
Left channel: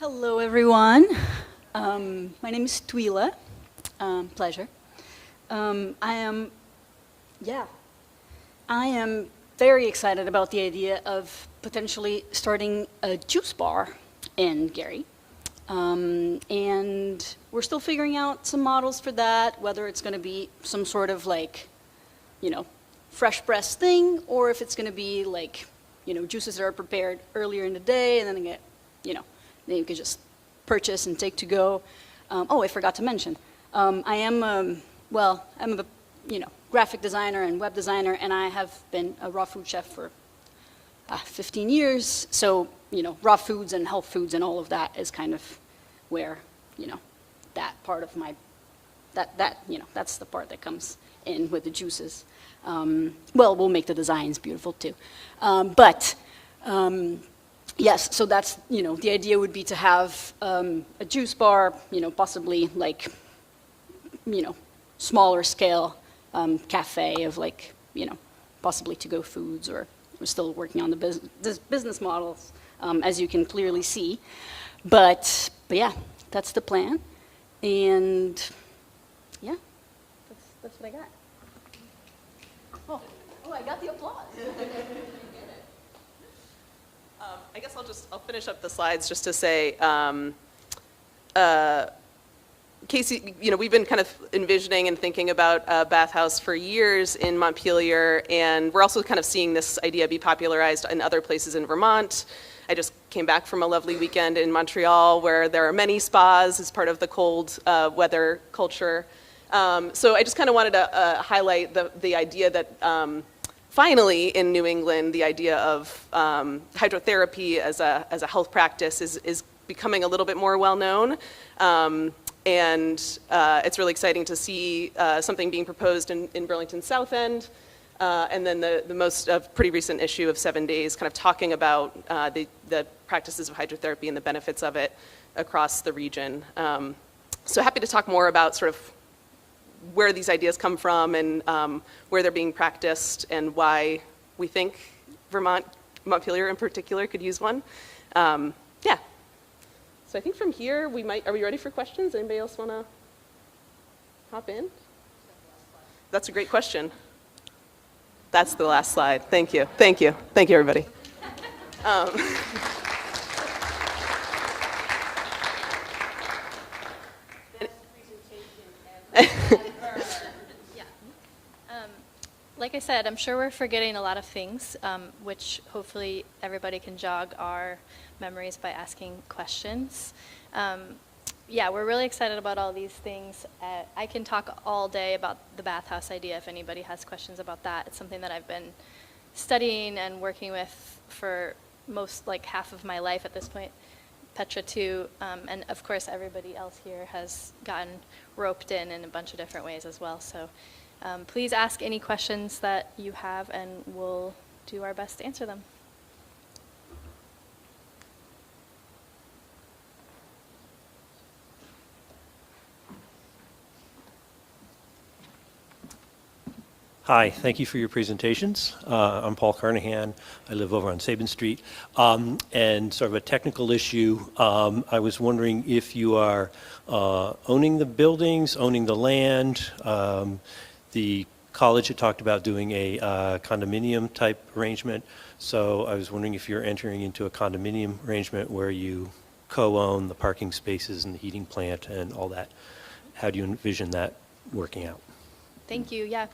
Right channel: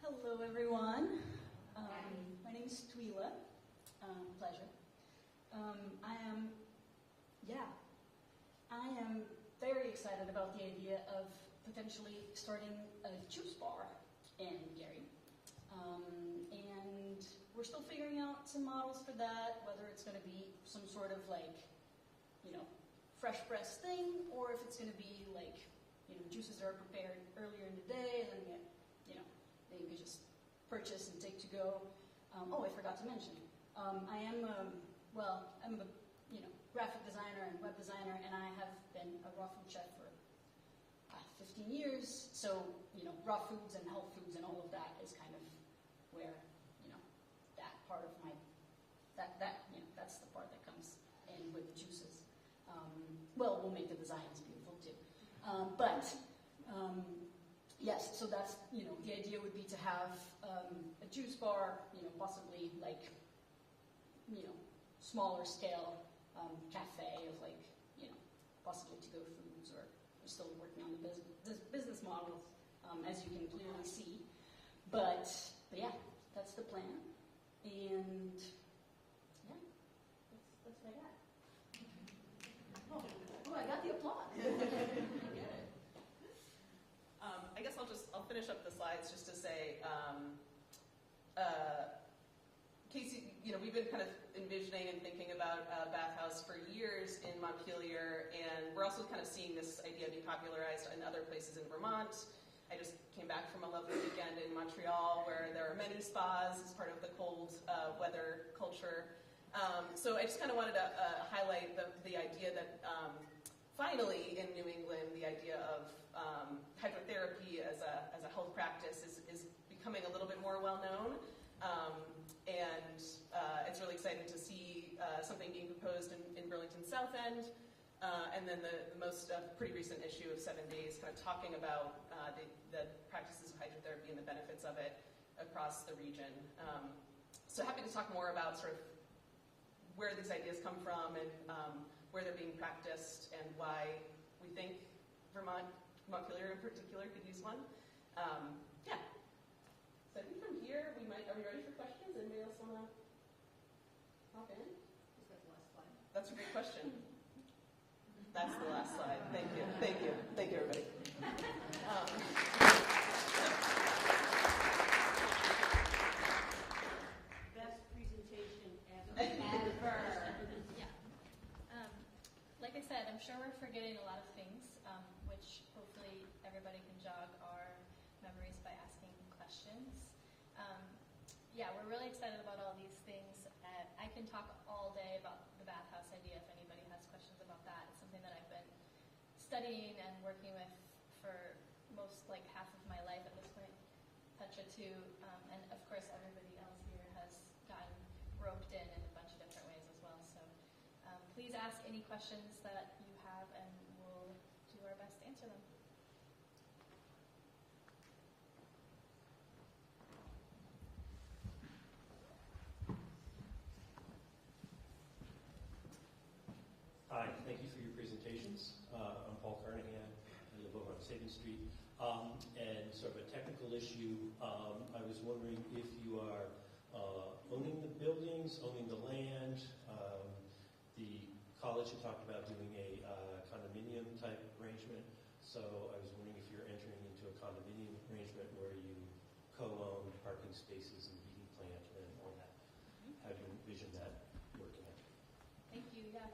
Hello, everyone. My name is Twila. Pleasure. I am very excited about the idea of potentially starting a juice bar in Gary. And we're still figuring out some models for that, whether it's going to be some sort of like, fresh press thing, or if it's going to be like, juices that are prepared earlier in the day and then they get, then you could just purchase and take to go. I forgot to mention, I am, I'm a, graphic designer and web designer, and I have been a raw food chef for 15 years. So, raw foods and health foods and all of that is kind of where, that part of my, that's the part that comes in with the juices. We'll make the designs beautiful too. Yes, so that's, the idea would be to have a juice bar, possibly like, smaller scale cafe of like, possibly to-go foods, or we're still working on the business models, as you can clearly see. But yeah, that's the plan. And yeah, that's what I got. Oh, I got the applause. I guess I'll finish up the slides just to say, Casey, we've been kind of envisioning and thinking about a bathhouse for years in Montpelier, and we're also kind of seeing this idea be popularized in other places in Vermont. I just came back from a lovely weekend in Montreal where there are many spas as part of the cold weather culture. So I just kind of wanted to highlight the idea that finally, in New England, the idea of hydrotherapy as a health practice is becoming a little bit more well-known. And it's really exciting to see something being proposed in Burlington South End. And then the most pretty recent issue of 7 Days kind of talking about the practices of hydrotherapy and the benefits of it across the region. So happy to talk more about sort of where these ideas come from and where they're being practiced and why we think Montpelier in particular could use one. Yeah. So I think from here are we ready for questions? Anybody else want to hop in? That's a great question. That's the last slide. Thank you. Thank you. Thank you, everybody. Um, Like I said, I'm sure we're forgetting a lot of things, which hopefully everybody can jog our memories by asking questions. Yeah, we're really excited about all these things. I can talk all day about the bathhouse idea if anybody has questions about that. It's something that I've been studying and working with for most, like half of my life at this point. Petra too, and of course everybody else here has gotten roped in a bunch of different ways as well. So please ask any questions that you have and we'll do our best to answer them. Hi, thank you for your presentations. I'm Paul Carnahan. I live over on Sabin Street. And sort of a technical issue, I was wondering if you are owning the buildings, owning the land. The college had talked about doing a condominium type arrangement. So I was wondering if you're entering into a condominium arrangement where you co-own the parking spaces and the heating plant and all that. How do you envision that working out? Thank you, yeah.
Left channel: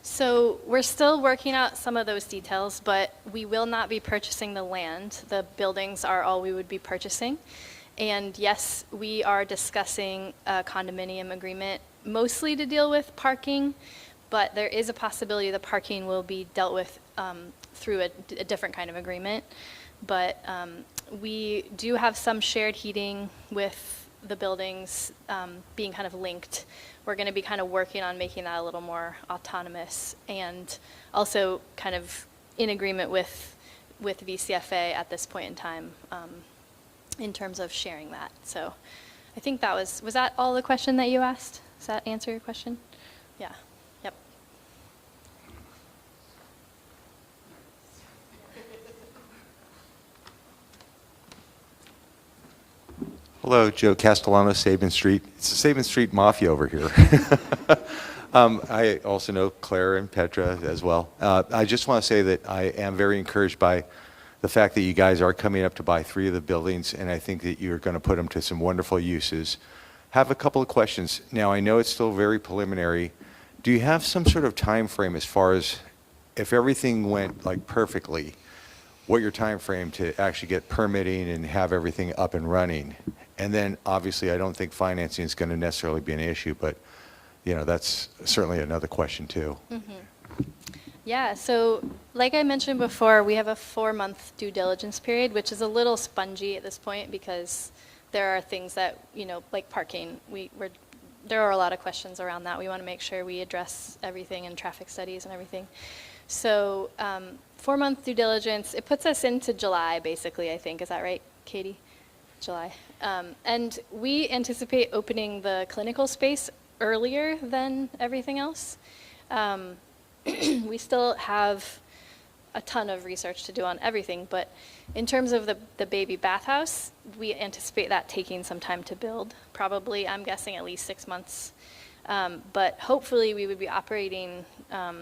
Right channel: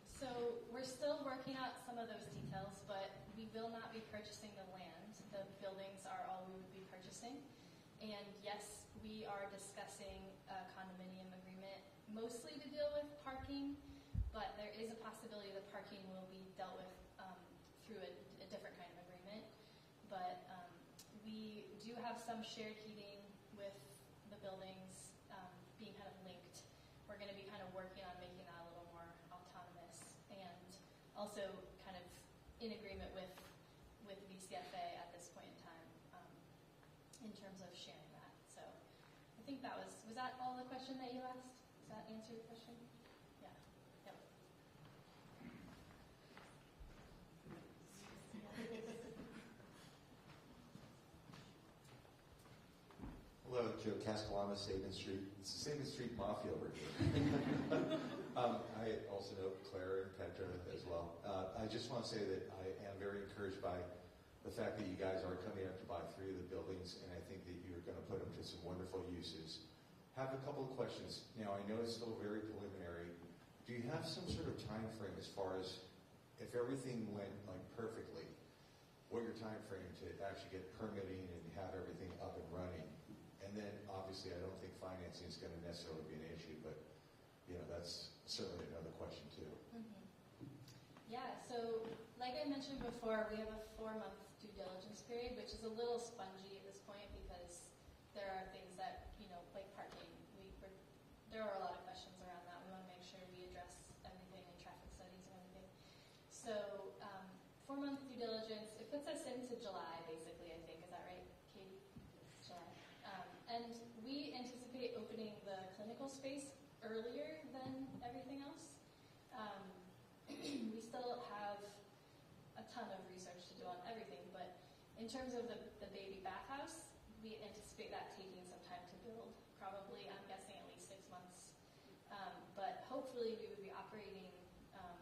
So we're still working out some of those details, but we will not be purchasing the land. The buildings are all we would be purchasing. And yes, we are discussing a condominium agreement, mostly to deal with parking, but there is a possibility the parking will be dealt with through a different kind of agreement. But we do have some shared heating with the buildings being kind of linked. We're going to be kind of working on making that a little more autonomous and also kind of in agreement with VCFA at this point in time in terms of sharing that. So I think that was that all the question that you asked? Does that answer your question? Yeah. Yep. Hello, Joe Castellano, Sabin Street. It's the Sabin Street Mafia over here. I also know Claire and Petra as well. I just want to say that I am very encouraged by the fact that you guys are coming up to buy 3 of the buildings, and I think that you're going to put them to some wonderful uses. Have a couple of questions. Now, I know it's still very preliminary. Do you have some sort of time frame as far as if everything went like perfectly, what your time frame to actually get permitting and have everything up and running? And then, obviously, I don't think financing is going to necessarily be an issue, but, you know, that's certainly another question, too. Mm-hmm. Yeah, so like I mentioned before, we have a 4-month due diligence period, which is a little spongy at this point because there are things that, you know, like parking, there are a lot of questions around that. We want to make sure we address everything in traffic studies and everything. So 4-month due diligence, it puts us into July, basically, I think. Is that right, Katie? July. And we anticipate opening the clinical space earlier than everything else. We still have a ton of research to do on everything, but in terms of the baby bathhouse, we anticipate that taking some time to build. Probably, I'm guessing at least 6 months. But hopefully we would be operating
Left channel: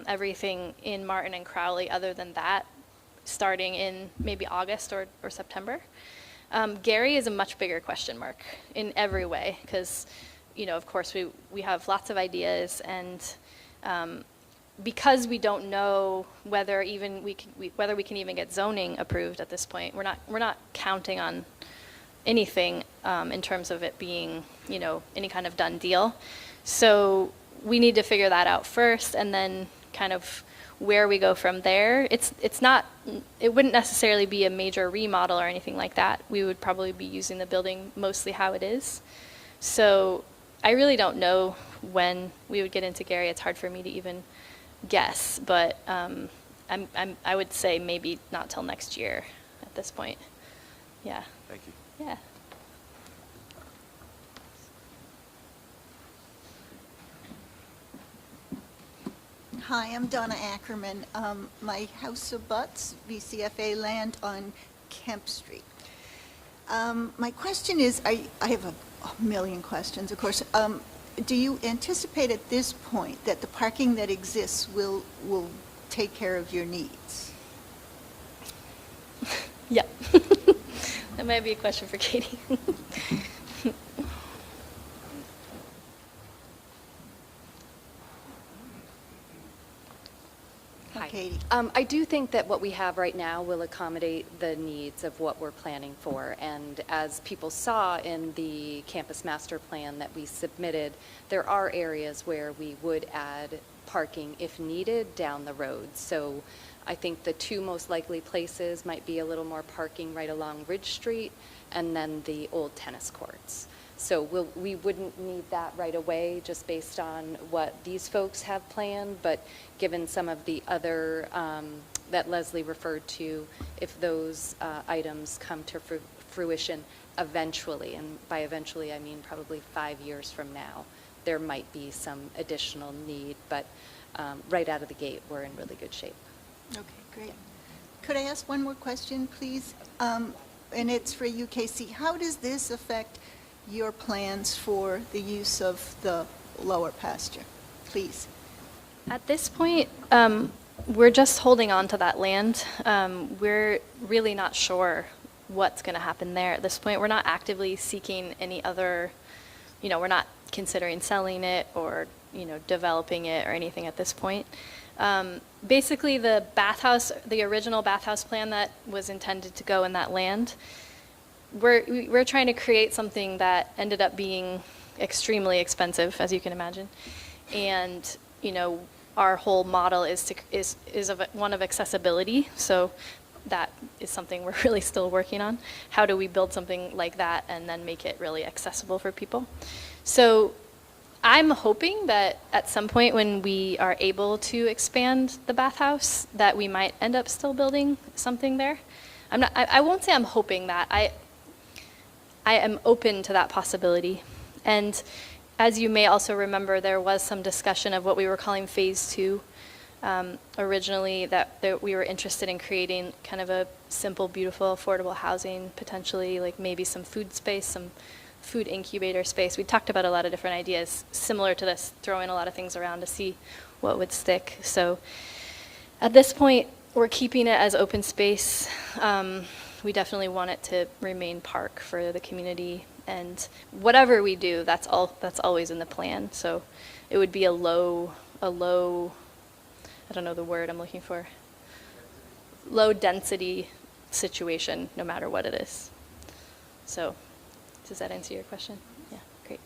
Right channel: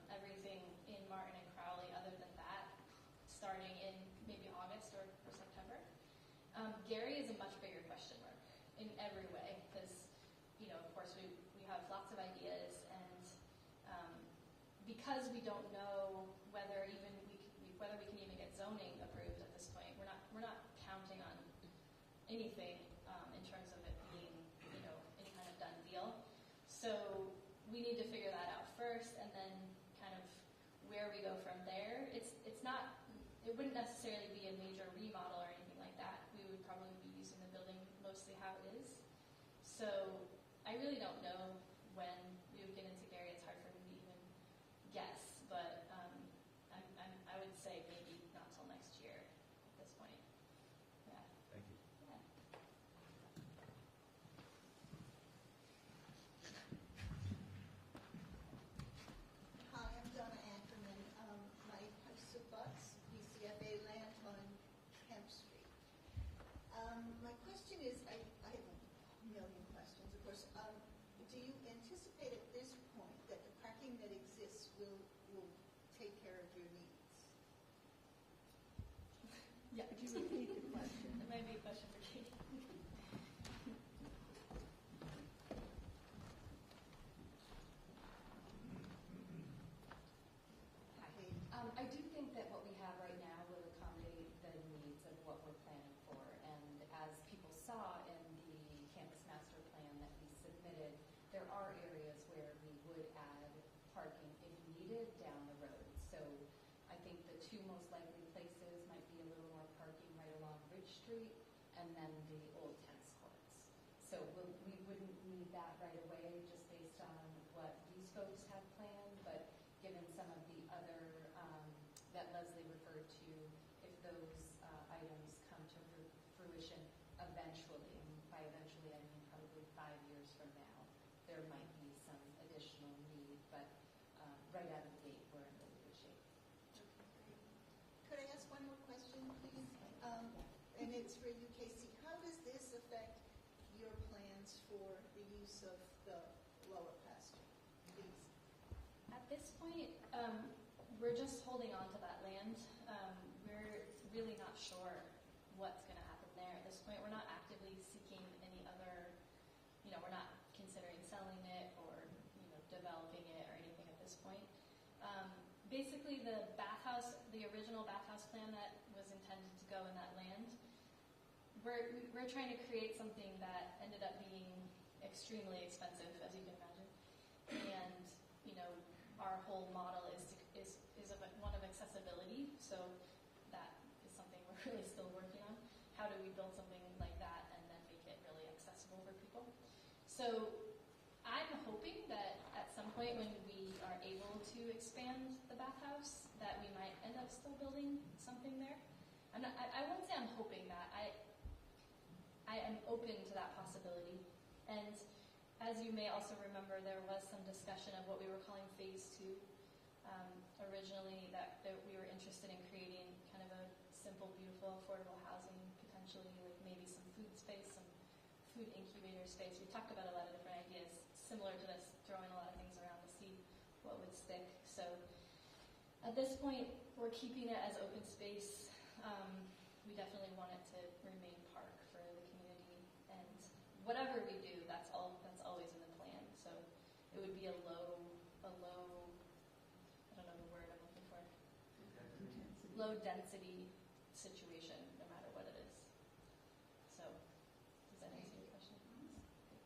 everything in Martin and Crowley other than that, starting in maybe August or September. Gary is a much bigger question mark in every way because, you know, of course we have lots of ideas and because we don't know whether we can even get zoning approved at this point, we're not counting on anything in terms of it being, you know, any kind of done deal. So we need to figure that out first, and then kind of where we go from there. It wouldn't necessarily be a major remodel or anything like that. We would probably be using the building mostly how it is. So I really don't know when we would get into Gary. It's hard for me to even guess, but I would say maybe not till next year at this point. Yeah. Thank you. Yeah. Hi, I'm Donna Ackerman. My house abuts VCFA land on Kemp Street. My question is, I have a million questions, of course. Do you anticipate at this point that the parking that exists will take care of your needs? Yeah. That might be a question for Katie. Hi. Katie. I do think that what we have right now will accommodate the needs of what we're planning for. And as people saw in the campus master plan that we submitted, there are areas where we would add parking if needed down the road. So I think the two most likely places might be a little more parking right along Ridge Street and then the old tennis courts. So we wouldn't need that right away just based on what these folks have planned, but given some of the other that Leslie referred to, if those items come to fruition eventually, and by eventually I mean probably 5 years from now, there might be some additional need, but right out of the gate, we're in really good shape. Okay, great. Could I ask one more question, please? And it's for you, Casey. How does this affect your plans for the use of the lower pasture? Please. At this point, we're just holding on to that land. We're really not sure what's going to happen there at this point. We're not actively seeking any other, we're not considering selling it or, developing it or anything at this point. Basically, the original bathhouse plan that was intended to go in that land, we're trying to create something that ended up being extremely expensive, as you can imagine. And, our whole model is one of accessibility. So that is something we're really still working on. How do we build something like that and then make it really accessible for people? So I'm hoping that at some point when we are able to expand the bathhouse, that we might end up still building something there. I won't say I'm hoping that. I am open to that possibility. And as you may also remember, there was some discussion of what we were calling phase 2. Originally, that we were interested in creating kind of a simple, beautiful, affordable housing, potentially like maybe some food space, some food incubator space. We talked about a lot of different ideas similar to this, throwing a lot of things around to see what would stick. So at this point, we're keeping it as open space. We definitely want it to remain park for the community. And whatever we do, that's always in the plan. So it would be a low, I don't know the word I'm looking for, low density situation, no matter what it is. So does that answer your question? Yeah, great.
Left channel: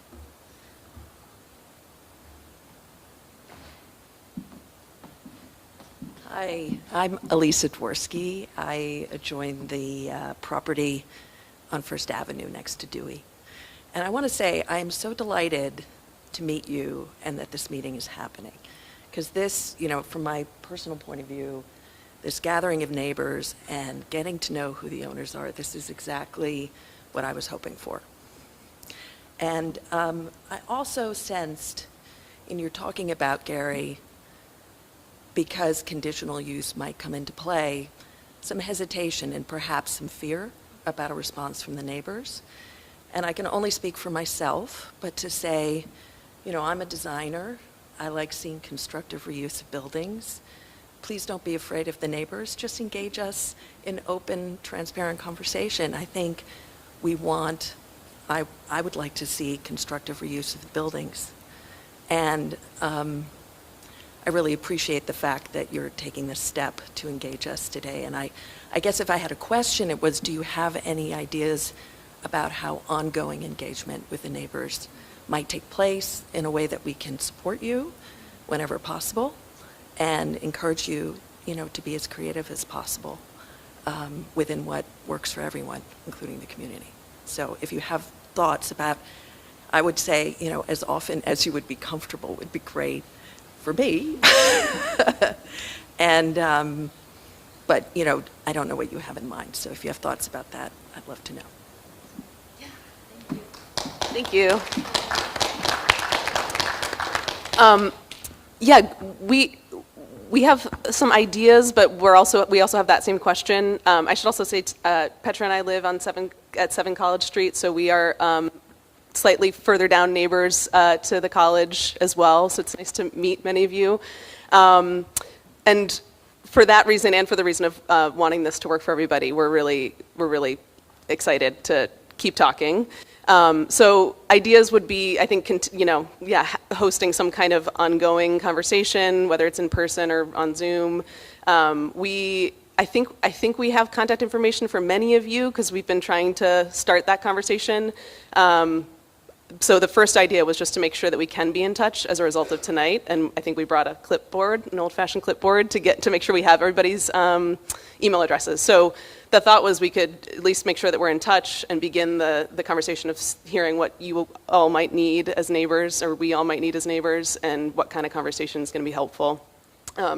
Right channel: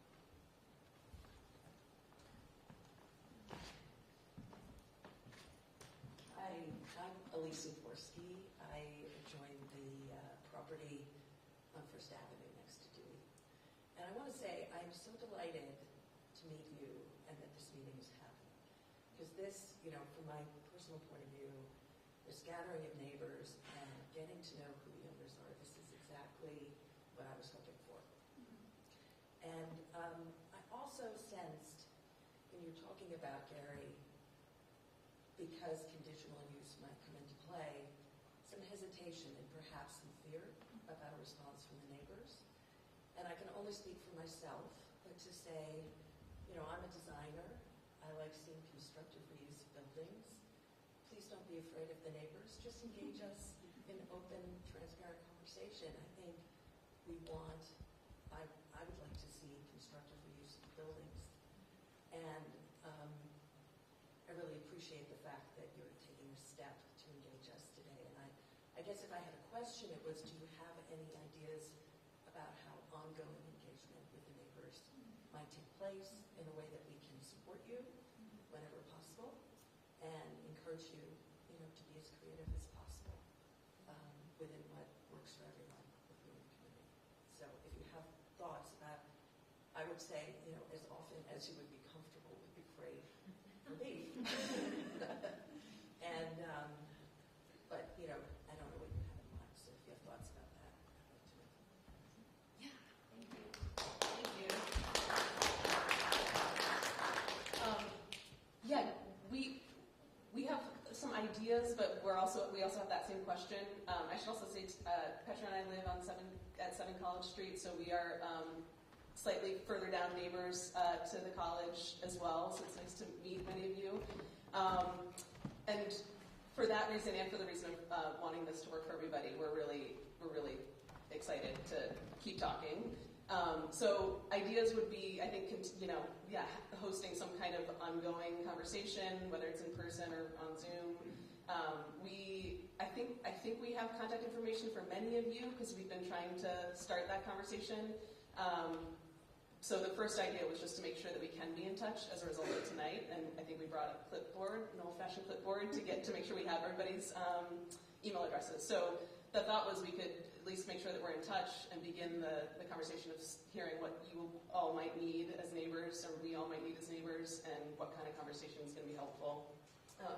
Hi, I'm Elisa Dworsky. I joined the property on First Avenue next to Dewey. And I want to say I am so delighted to meet you and that this meeting is happening. Because this, from my personal point of view, this gathering of neighbors and getting to know who the owners are, this is exactly what I was hoping for. And I also sensed in your talking about, Gary, because conditional use might come into play, some hesitation and perhaps some fear about a response from the neighbors. And I can only speak for myself, but to say, I'm a designer. I like seeing constructive reuse of buildings. Please don't be afraid of the neighbors. Just engage us in open, transparent conversation. I think I would like to see constructive reuse of the buildings. And I really appreciate the fact that you're taking this step to engage us today. And I guess if I had a question, it was, do you have any ideas about how ongoing engagement with the neighbors might take place in a way that we can support you whenever possible and encourage you, to be as creative as possible within what works for everyone, including the community. So if you have thoughts about, I would say, as often as you would be comfortable would be great for me. And, but, I don't know what you have in mind. So if you have thoughts about that, I'd love to know. Thank you. Yeah, we have some ideas, but we also have that same question. I should also say Petra and I live at 7 College Street, so we are slightly further down neighbors to the college as well. So it's nice to meet many of you. And for that reason and for the reason of wanting this to work for everybody, we're really excited to keep talking. So ideas would be, I think, hosting some kind of ongoing conversation, whether it's in person or on Zoom. I think we have contact information for many of you because we've been trying to start that conversation. So the first idea was just to make sure that we can be in touch as a result of tonight, and I think we brought a clipboard, an old-fashioned clipboard, to make sure we have everybody's email addresses. So the thought was we could at least make sure that we're in touch and begin the conversation of hearing what you all might need as neighbors, or we all might need as neighbors, and what kind of conversation is going to be helpful.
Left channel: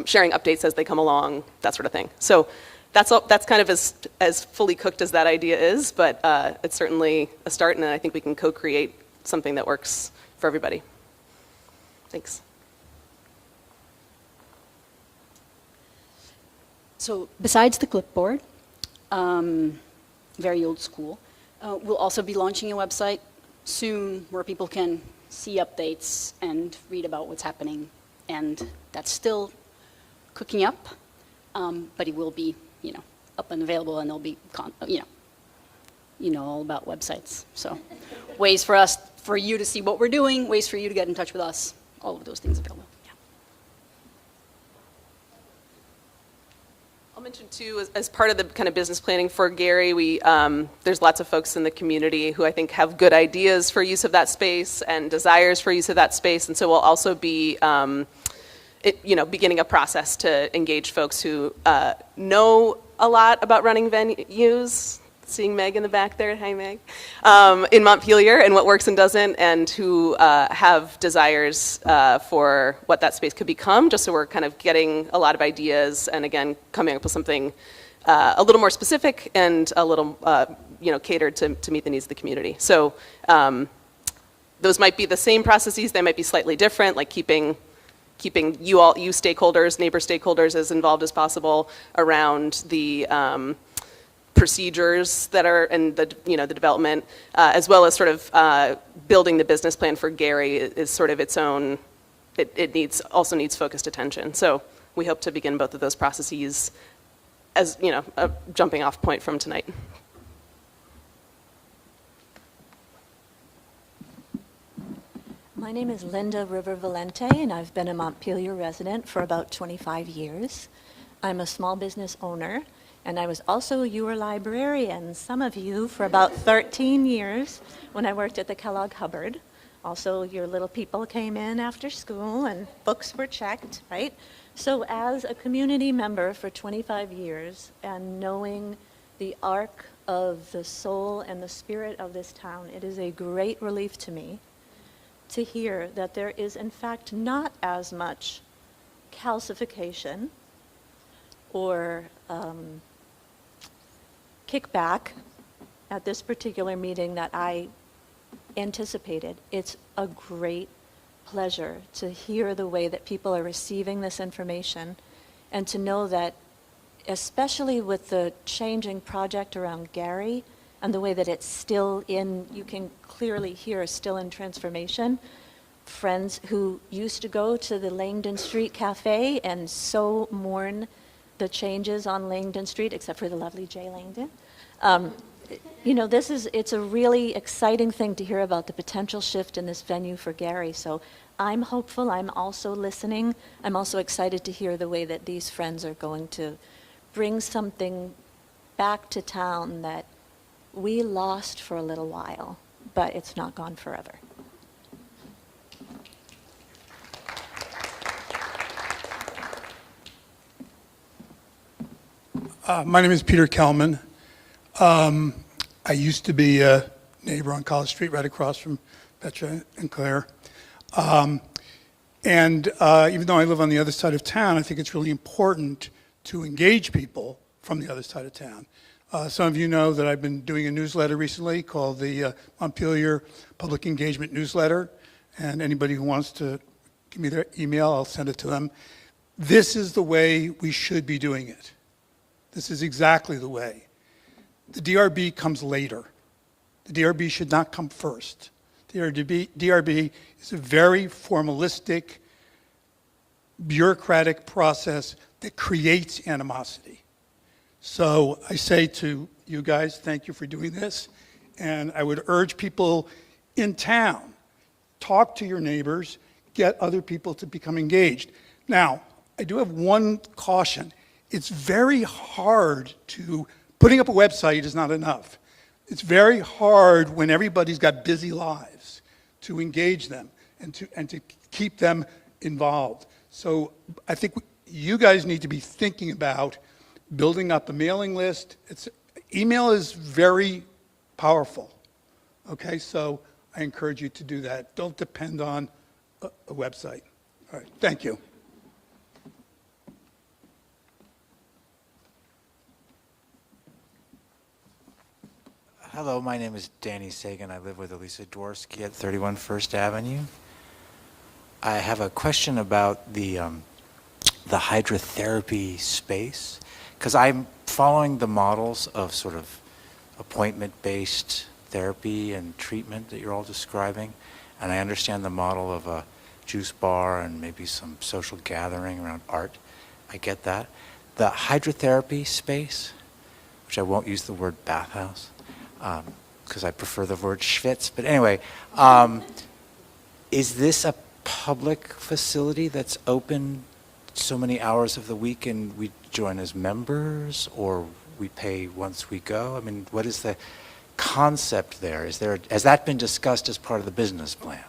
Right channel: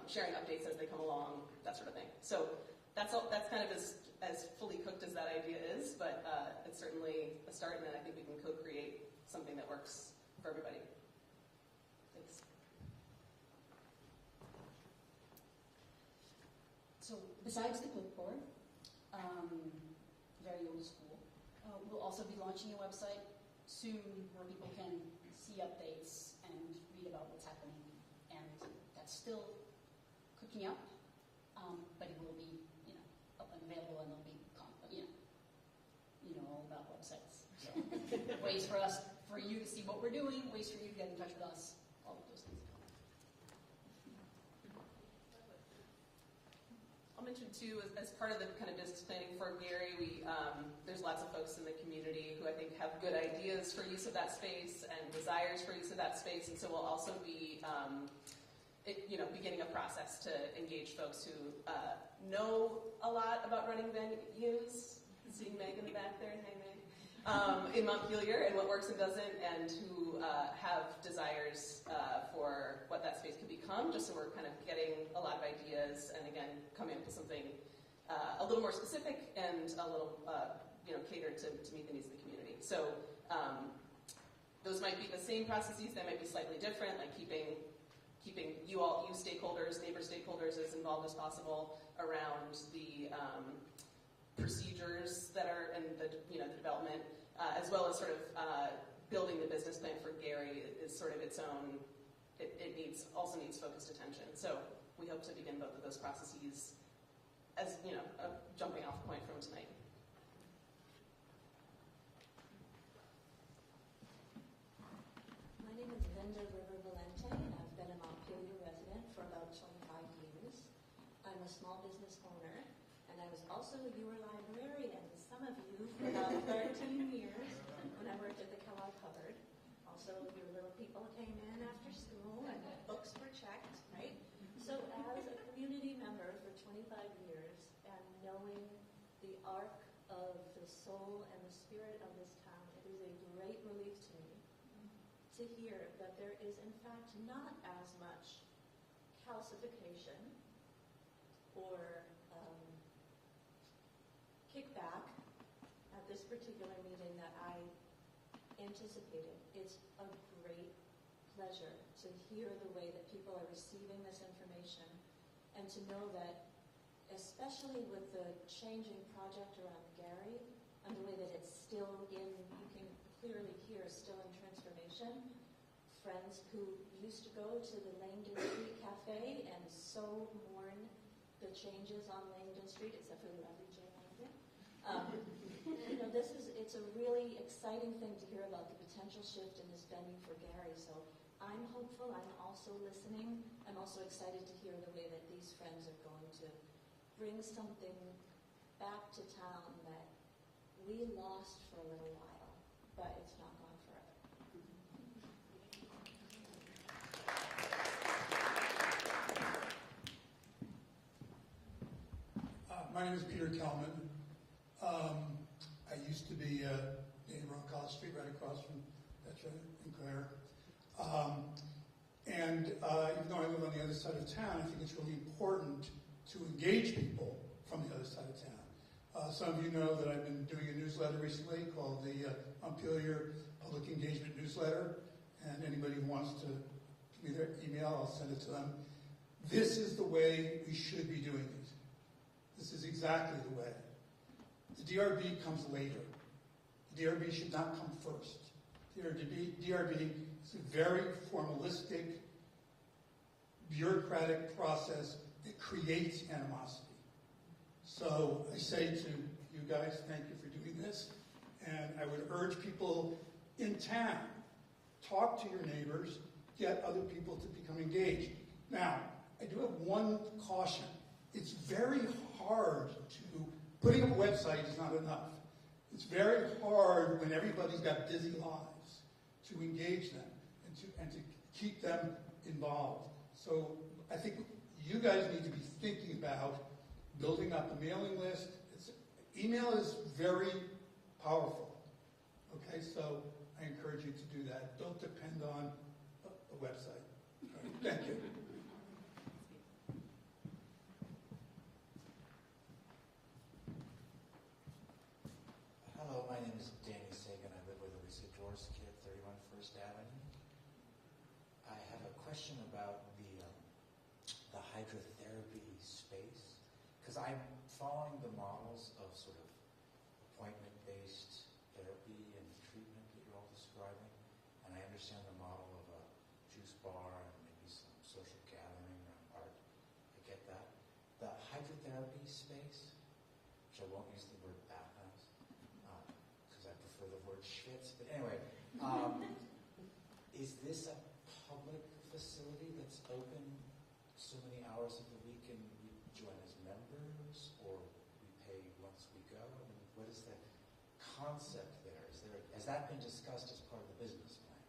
Sharing updates as they come along, that sort of thing. So that's kind of as fully cooked as that idea is, but it's certainly a start, and I think we can co-create something that works for everybody. Thanks. So besides the clipboard, very old school, we'll also be launching a website soon where people can see updates and read about what's happening. And that's still cooking up, but it will be, up and available, and there'll be, all about websites. So ways for you to see what we're doing, ways for you to get in touch with us, all of those things available. Yeah. I'll mention too, as part of the kind of business planning for Gary, there's lots of folks in the community who I think have good ideas for use of that space and desires for use of that space, and so we'll also be beginning a process to engage folks who know a lot about running venues. Seeing Meg in the back there, hi Meg, in Montpelier, and what works and doesn't, and who have desires for what that space could become, just so we're kind of getting a lot of ideas, and again, coming up with something a little more specific and a little, catered to meet the needs of the community. So those might be the same processes, they might be slightly different, like keeping you stakeholders, neighbor stakeholders, as involved as possible around the procedures that are in the development, as well as sort of building the business plan for Gary is sort of its own. It also needs focused attention. So we hope to begin both of those processes as a jumping off point from tonight. My name is Linda River Valente, and I've been a Montpelier resident for about 25 years. I'm a small business owner, and I was also your librarian, some of you, for about 13 years when I worked at the Kellogg Hubbard. Also, your little people came in after school and books were checked, right? So as a community member for 25 years and knowing the arc of the soul and the spirit of this town, it is a great relief to me to hear that there is in fact not as much calcification or kickback at this particular meeting that I anticipated. It's a great pleasure to hear the way that people are receiving this information and to know that, especially with the changing project around Gary and the way that it's still in, you can clearly hear, still in transformation. Friends who used to go to the Langdon Street Cafe and so mourn the changes on Langdon Street, except for the lovely Jay Langdon. It's a really exciting thing to hear about the potential shift in this venue for Gary. So I'm hopeful, I'm also listening. I'm also excited to hear the way that these friends are going to bring something back to town that we lost for a little while, but it's not gone forever. My name is Peter Kelman. I used to be a neighbor on College Street right across from Petra and Claire. Even though I live on the other side of town, I think it's really important to engage people from the other side of town. Some of you know that I've been doing a newsletter recently called the Montpelier Public Engagement Newsletter, and anybody who wants to give me their email, I'll send it to them. This is the way we should be doing it. This is exactly the way. The DRB comes later. The DRB should not come first. The DRB is a very formalistic, bureaucratic process that creates animosity. So I say to you guys, thank you for doing this. And I would urge people in town, talk to your neighbors, get other people to become engaged. Now, I do have one caution. It's very hard putting up a website is not enough. It's very hard when everybody's got busy lives to engage them and to keep them involved. So I think you guys need to be thinking about building up a mailing list. Email is very powerful, okay? So I encourage you to do that. Don't depend on a website. All right, thank you. Hello, my name is Danny Sagan. I live with Elisa Dworsky at 31 First Avenue. I have a question about the hydrotherapy space, because I'm following the models of sort of appointment-based therapy and treatment that you're all describing, and I understand the model of a juice bar and maybe some social gathering around art. I get that. The hydrotherapy space, which I won't use the word bathhouse, because I prefer the word schwitz. But anyway, is this a public facility that's open so many hours of the week and we join as members, or we pay once we go? I mean, what is the concept there? Has that been discussed as part of the business plan?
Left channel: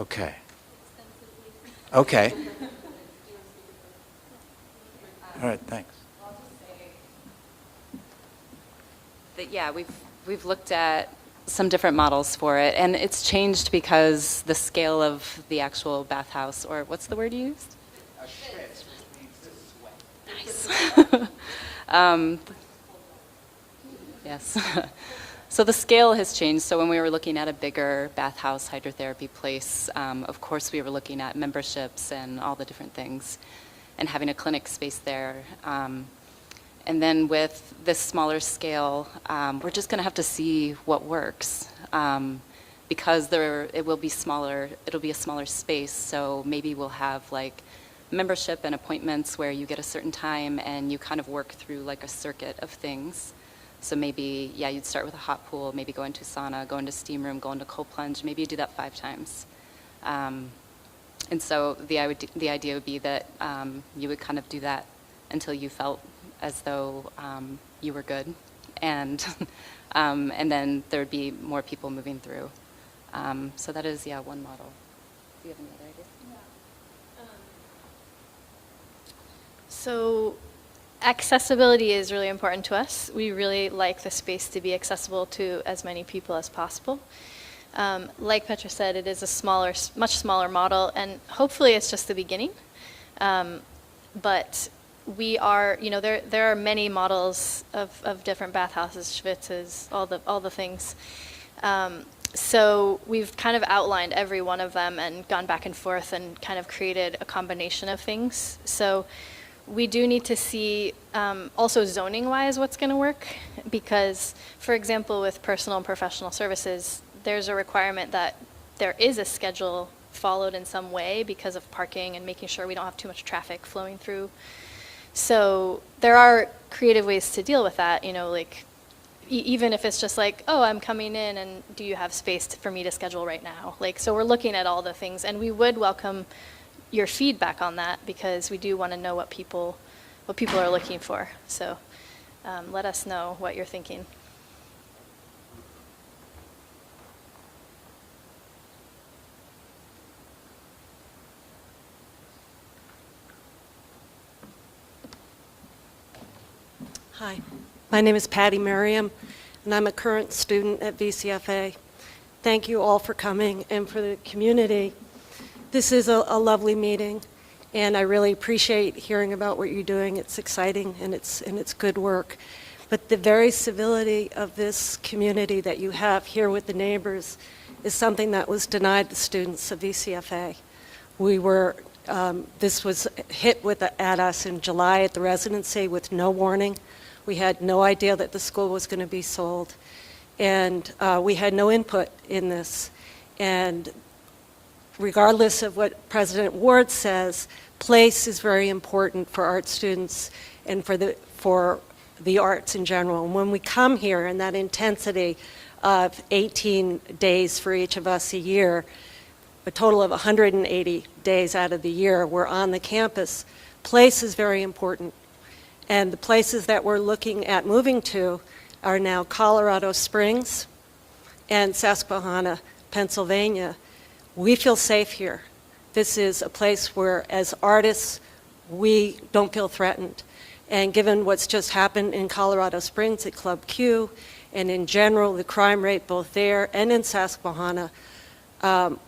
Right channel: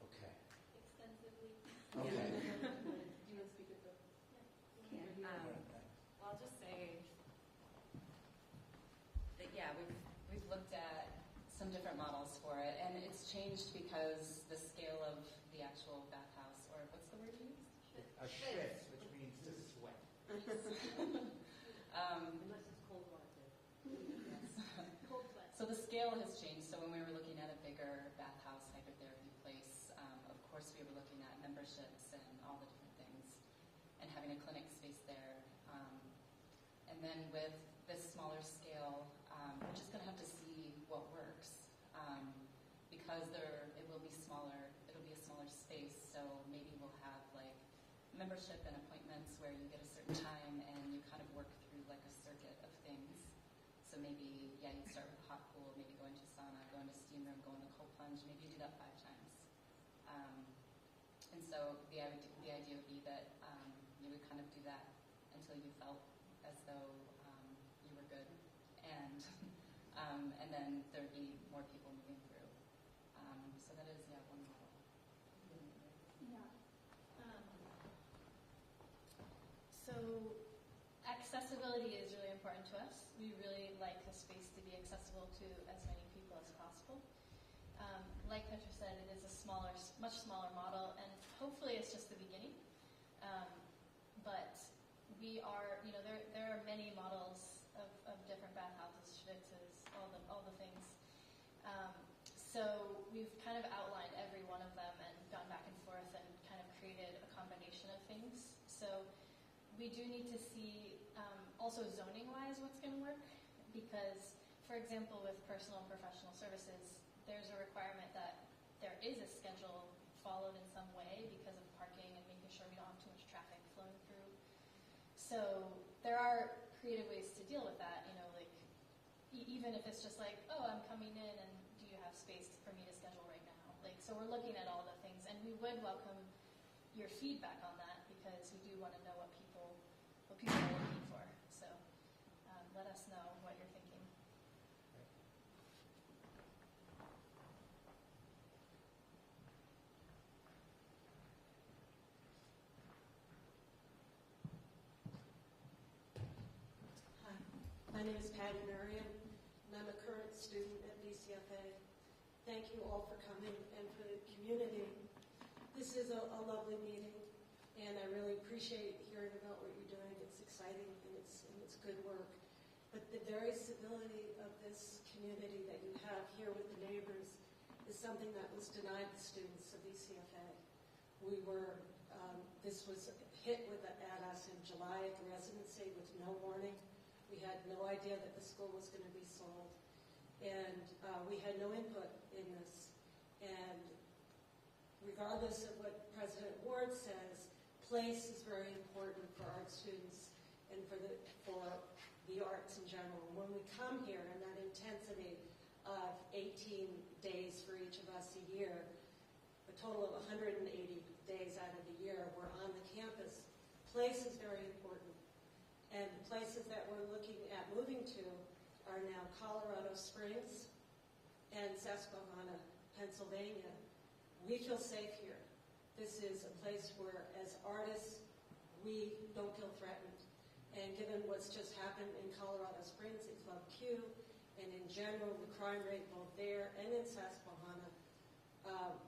Okay. Okay. All right, thanks. Yeah, we've looked at some different models for it, and it's changed because the scale of the actual bathhouse, or what's the word you used? A schwitz, which means to sweat. Nice. Yes. So the scale has changed. So when we were looking at a bigger bathhouse hydrotherapy place, of course we were looking at memberships and all the different things, and having a clinic space there. And then with this smaller scale, we're just going to have to see what works, because it will be smaller. It'll be a smaller space, so maybe we'll have like membership and appointments where you get a certain time and you kind of work through like a circuit of things. So maybe, yeah, you'd start with a hot pool, maybe go into sauna, go into steam room, go into cold plunge. Maybe you do that 5 times. And so the idea would be that you would kind of do that until you felt as though you were good, and then there would be more people moving through. So that is, yeah, one model. Do you have any other ideas? So accessibility is really important to us. We really like the space to be accessible to as many people as possible. Like Petra said, it is a much smaller model, and hopefully it's just the beginning. But we are, there are many models of different bathhouses, schwitzes, all the things. So we've kind of outlined every one of them and gone back and forth and kind of created a combination of things. So we do need to see also zoning-wise what's going to work, because, for example, with personal and professional services, there's a requirement that there is a schedule followed in some way because of parking and making sure we don't have too much traffic flowing through. So there are creative ways to deal with that, like even if it's just like, oh, I'm coming in and do you have space for me to schedule right now? So we're looking at all the things, and we would welcome your feedback on that, because we do want to know what people are looking for. So let us know what you're thinking. Hi, my name is Patty Merriam, and I'm a current student at VCFA. Thank you all for coming, and for the community. This is a lovely meeting, and I really appreciate hearing about what you're doing. It's exciting, and it's good work. But the very civility of this community that you have here with the neighbors is something that was denied the students of VCFA. This was hit at us in July at the residency with no warning. We had no idea that the school was going to be sold, and we had no input in this. And regardless of what President Ward says, place is very important for art students and for the arts in general. And when we come here in that intensity of 18 days for each of us a year, a total of 180 days out of the year, we're on the campus. Place is very important. And the places that we're looking at moving to are now Colorado Springs and Susquehanna, Pennsylvania. We feel safe here. This is a place where, as artists, we don't feel threatened. And given what's just happened in Colorado Springs at Club Q, and in general, the crime rate both there and in Susquehanna,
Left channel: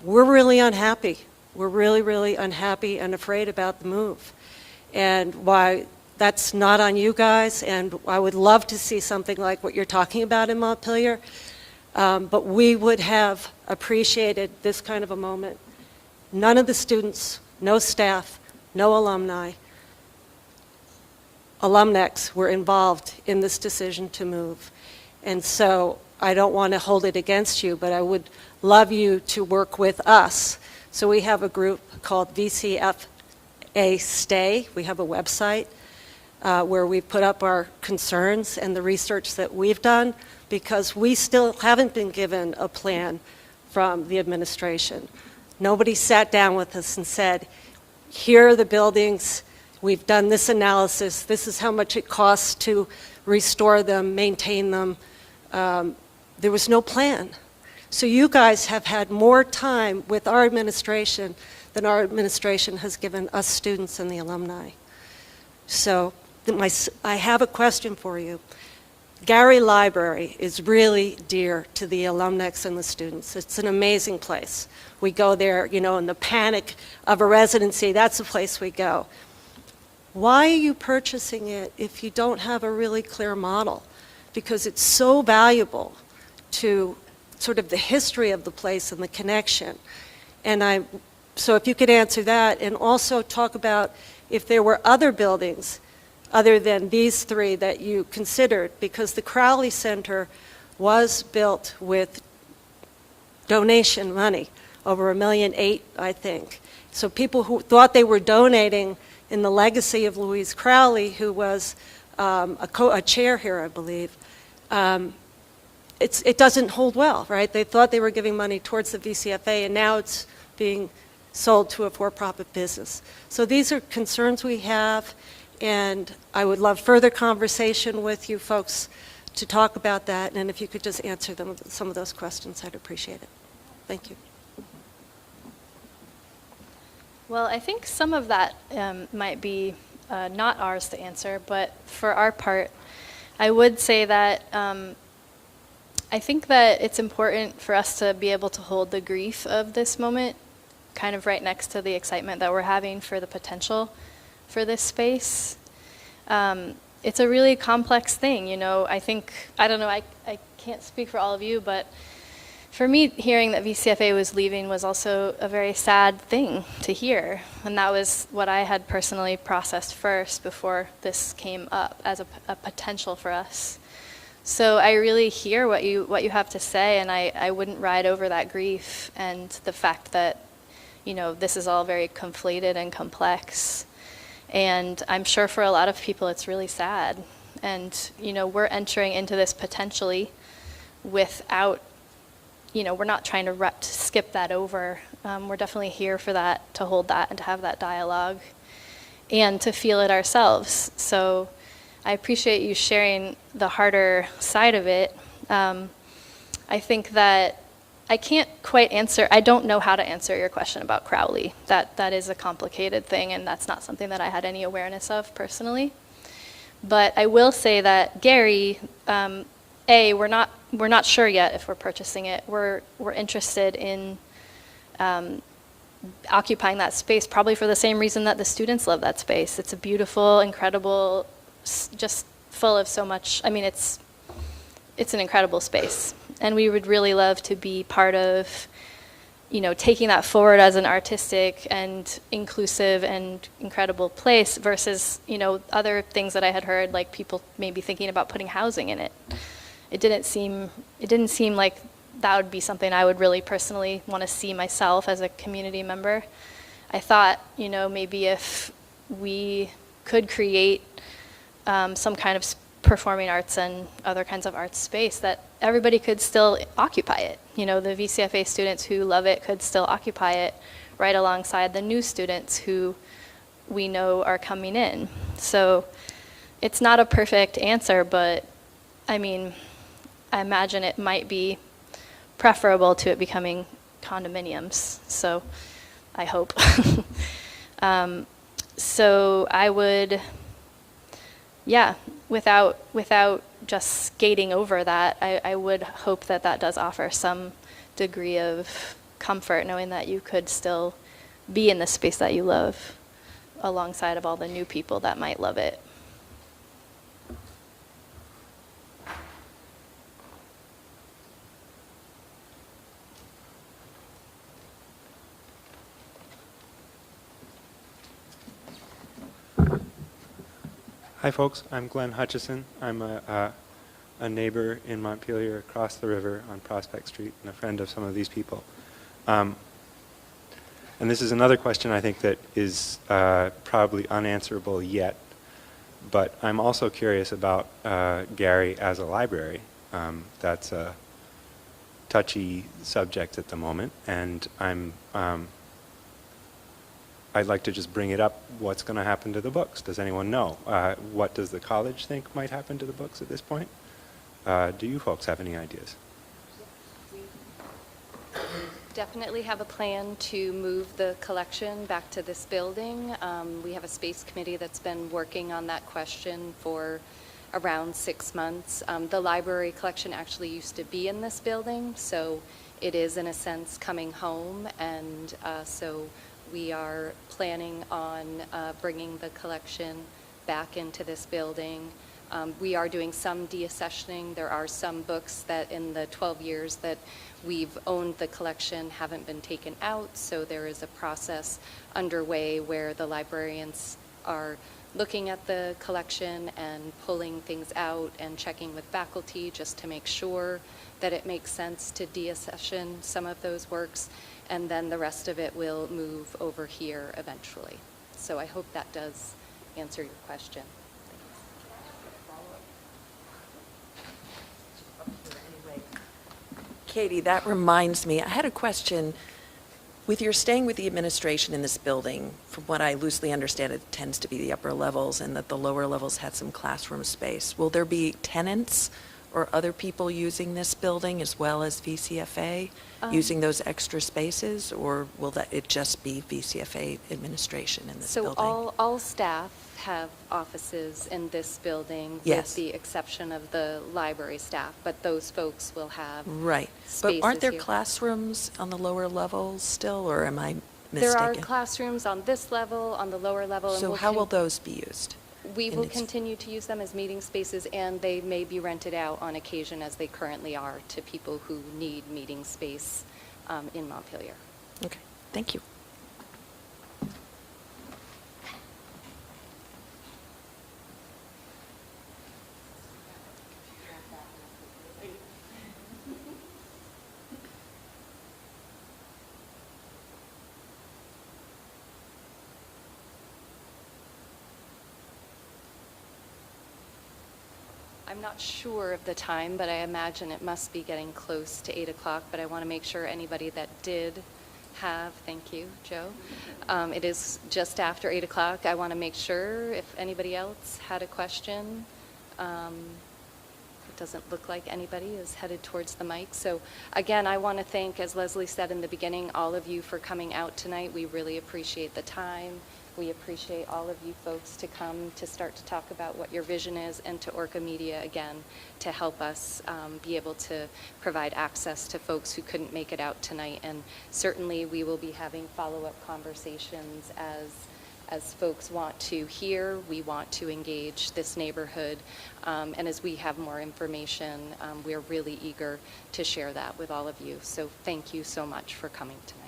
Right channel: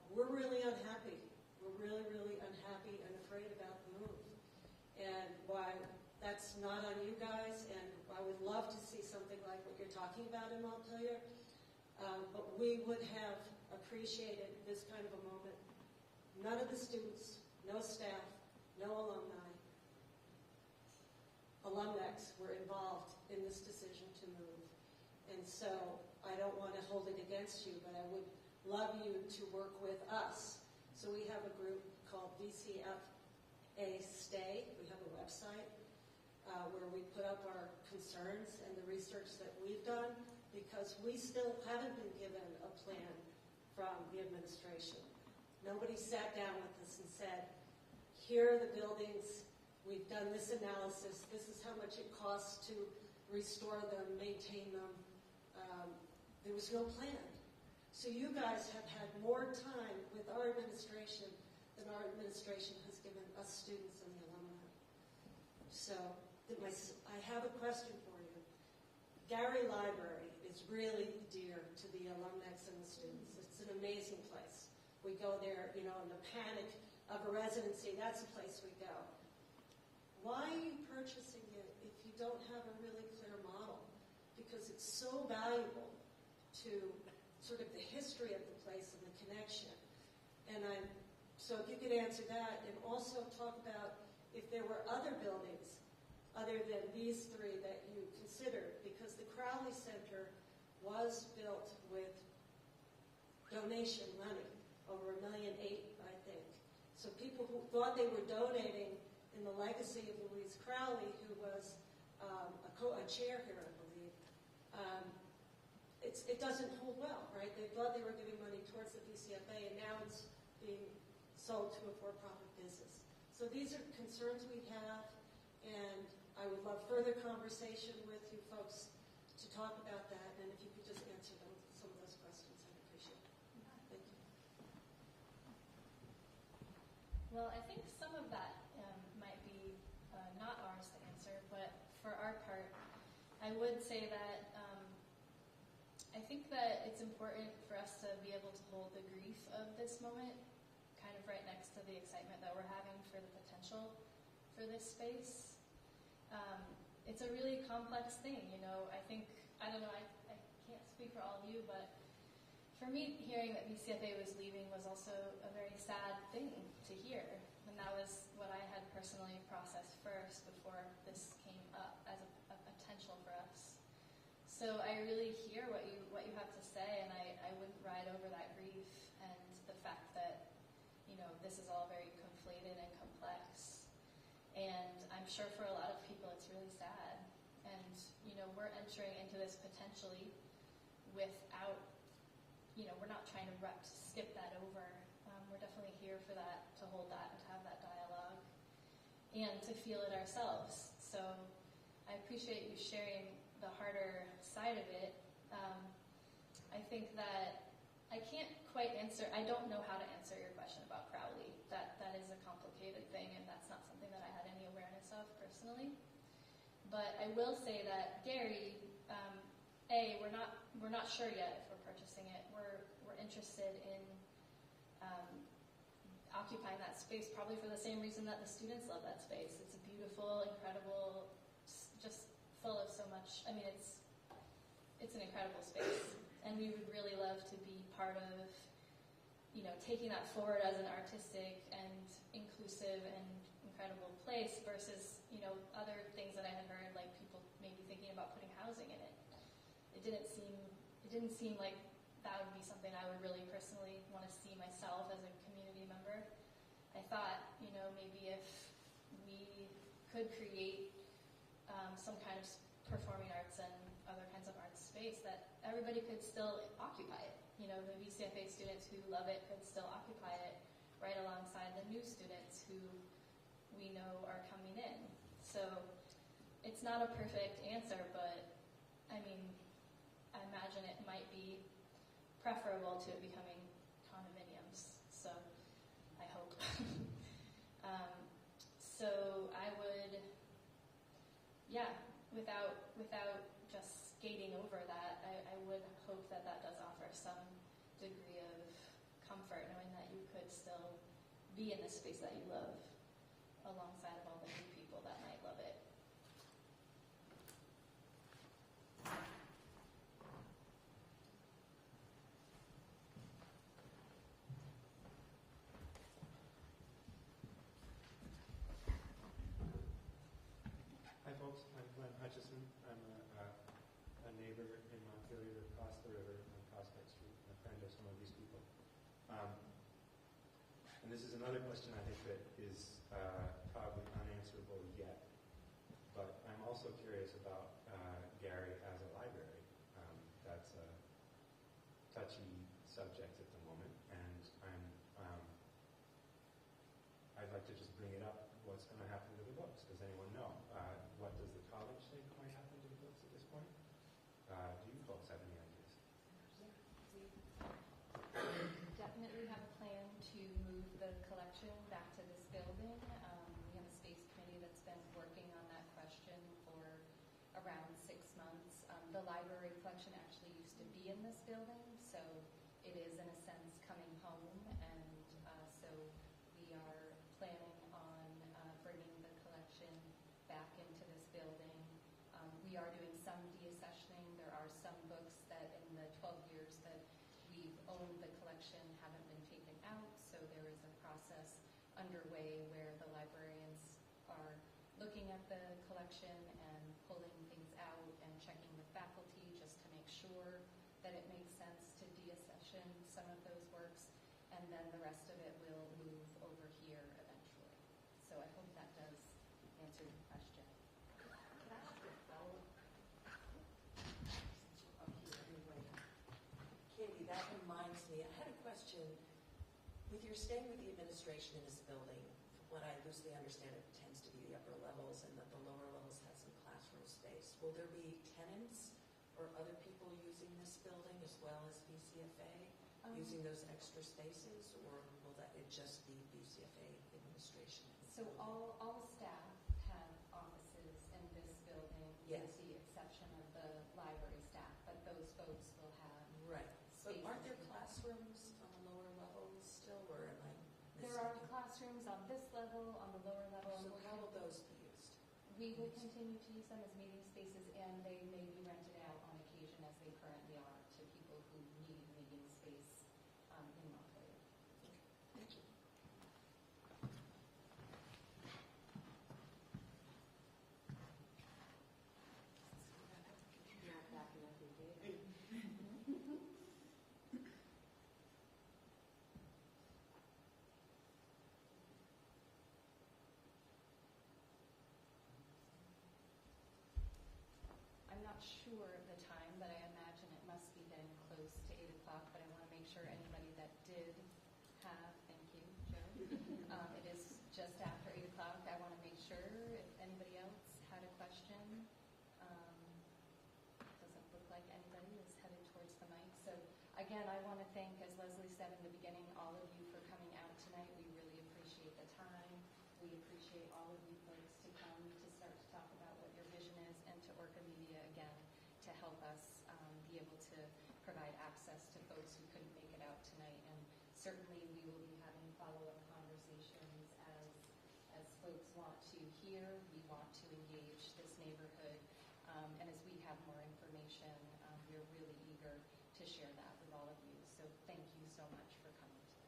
we're really unhappy. We're really, really unhappy and afraid about the move. And why that's not on you guys, and I would love to see something like what you're talking about in Montpelier, but we would have appreciated this kind of a moment. None of the students, no staff, no alumni, alumnex were involved in this decision to move. And so I don't want to hold it against you, but I would love you to work with us. So we have a group called VCFA Stay. We have a website where we put up our concerns and the research that we've done, because we still haven't been given a plan from the administration. Nobody sat down with us and said, here are the buildings, we've done this analysis, this is how much it costs to restore them, maintain them. There was no plan. So you guys have had more time with our administration than our administration has given us students and the alumni. So I have a question for you. Gary Library is really dear to the alumnex and the students. It's an amazing place. We go there, you know, in the panic of a residency, that's the place we go. Why are you purchasing it if you don't have a really clear model? Because it's so valuable to sort of the history of the place and the connection. And so if you could answer that, and also talk about if there were other buildings other than these three that you considered, because the Crowley Center was built with donation money, over $1.8 million, I think. So people who thought they were donating in the legacy of Louise Crowley, who was a chair here, I believe, it doesn't hold well, right? They thought they were giving money towards the VCFA, and now it's being sold to a for-profit business. So these are concerns we have, and I would love further conversation with you folks to talk about that, and if you could just answer some of those questions, I'd appreciate it. Thank you. Well, I think some of that might be not ours to answer, but for our part, I would say that I think that it's important for us to be able to hold the grief of this moment kind of right next to the excitement that we're having for the potential for this space. It's a really complex thing, you know. I don't know, I can't speak for all of you, but for me, hearing that VCFA was leaving was also a very sad thing to hear. And that was what I had personally processed first before this came up as a potential for us. So I really hear what you have to say, and I wouldn't ride over that grief and the fact that, you know, this is all very conflated and complex. And I'm sure for a lot of people it's really sad. And, you know, we're entering into this potentially without, you know, we're not trying to skip that over. We're definitely here for that, to hold that and to have that dialogue and to feel it ourselves. So I appreciate you sharing the harder side of it. I think that I can't quite answer, I don't know how to answer your question about Crowley. That is a complicated thing, and that's not something that I had any awareness of personally. But I will say that Gary, we're not sure yet if we're purchasing it. We're interested in occupying that space, probably for the same reason that the students love that space. It's a beautiful, incredible, just full of so much. I mean, it's an incredible space, and we would really love to be part of, you know, taking that forward as an artistic and inclusive and incredible place versus, you know, other things that I had heard, like people maybe thinking about putting housing in it. It didn't seem like that would be something I would really personally want to see myself as a community member. I thought, maybe if we could create some kind of performing arts and other kinds of arts space, that everybody could still occupy it. The VCFA students who love it could still occupy it right alongside the new students who we know are coming in. So it's not a perfect answer, but I imagine it might be preferable to it becoming condominiums. So I hope. So I would, without just skating over that, I would hope that that does offer some degree of comfort, knowing that you could still be in the space that you love alongside of all the new people that might love it. Hi, folks. I'm Glenn Hutchison. I'm a neighbor in Montpelier across the river on Prospect Street and a friend of some of these people. And this is another question I think that is probably unanswerable yet, but I'm also curious about Gary as a library. That's a touchy subject at the moment, and I'd like to just bring it up. What's going to happen to the books? Does anyone know? What does the college think might happen to the books at this point? Do you folks have any ideas? Definitely have a plan to move the collection back to this building. We have a space committee that's been working on that question for around 6 months. The library collection actually used to be in this building, so it is in a sense coming home, and so we are planning on bringing the collection back into this building. We are doing some deaccessioning. There are some books that in the 12 years that we've owned the collection haven't been taken out, so there is a process underway where the librarians are looking at the collection and pulling things out and checking with faculty just to make sure that it makes sense to deaccession some of those works, and then the rest of it will move over here eventually. So I hope that does answer your question. Katie, that reminds me, I had a question. With your staying with the administration in this building, from what I loosely understand, it tends to be the upper levels and that the lower levels had some classroom space. Will there be tenants or other people using this building as well as VCFA using those extra spaces, or will it just be VCFA administration in this building? So all staff have offices in this building Yes. with the exception of the library staff, but those folks will have Right. But spaces aren't there here. classrooms on the lower levels still, or am I There are mistaken? classrooms on this level, on the lower level. and So we'll how con- will those be used? We in will its- continue to use them as meeting spaces, and they may be rented out on occasion, as they currently are, to people who need meeting space in Montpelier. Okay, thank you. I'm not sure of the time, but I imagine it must be getting close to 8 o'clock, but I want to make sure anybody that did have, thank you, Joe. It is just after 8 o'clock. I want to make sure if anybody else had a question. It doesn't look like anybody is headed towards the mic. So again, I want to thank, as Leslie said in the beginning, all of you for coming out tonight. We really appreciate the time. We appreciate all of you folks to come to start to talk about what your vision is, and to Orca Media again to help us be able to provide access to folks who couldn't make it out tonight. And certainly we will be having follow-up conversations as folks want to hear. We want to engage this neighborhood, and as we have more information, we're really eager to share that with all of you. So thank you so much for coming tonight.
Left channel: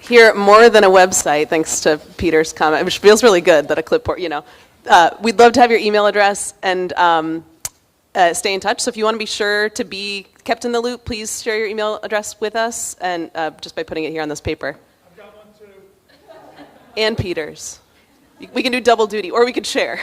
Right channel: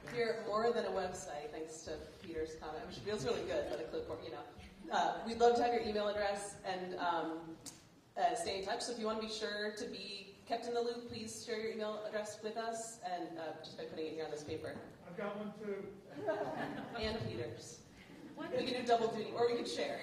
Here, more than a website, thanks to Peter's comment, which feels really good that a clipboard, we'd love to have your email address, and stay in touch. So if you want to be sure to be kept in the loop, please share your email address with us, and just by putting it here on this paper. I've got one too. And Peter's. We can do double duty, or we could share.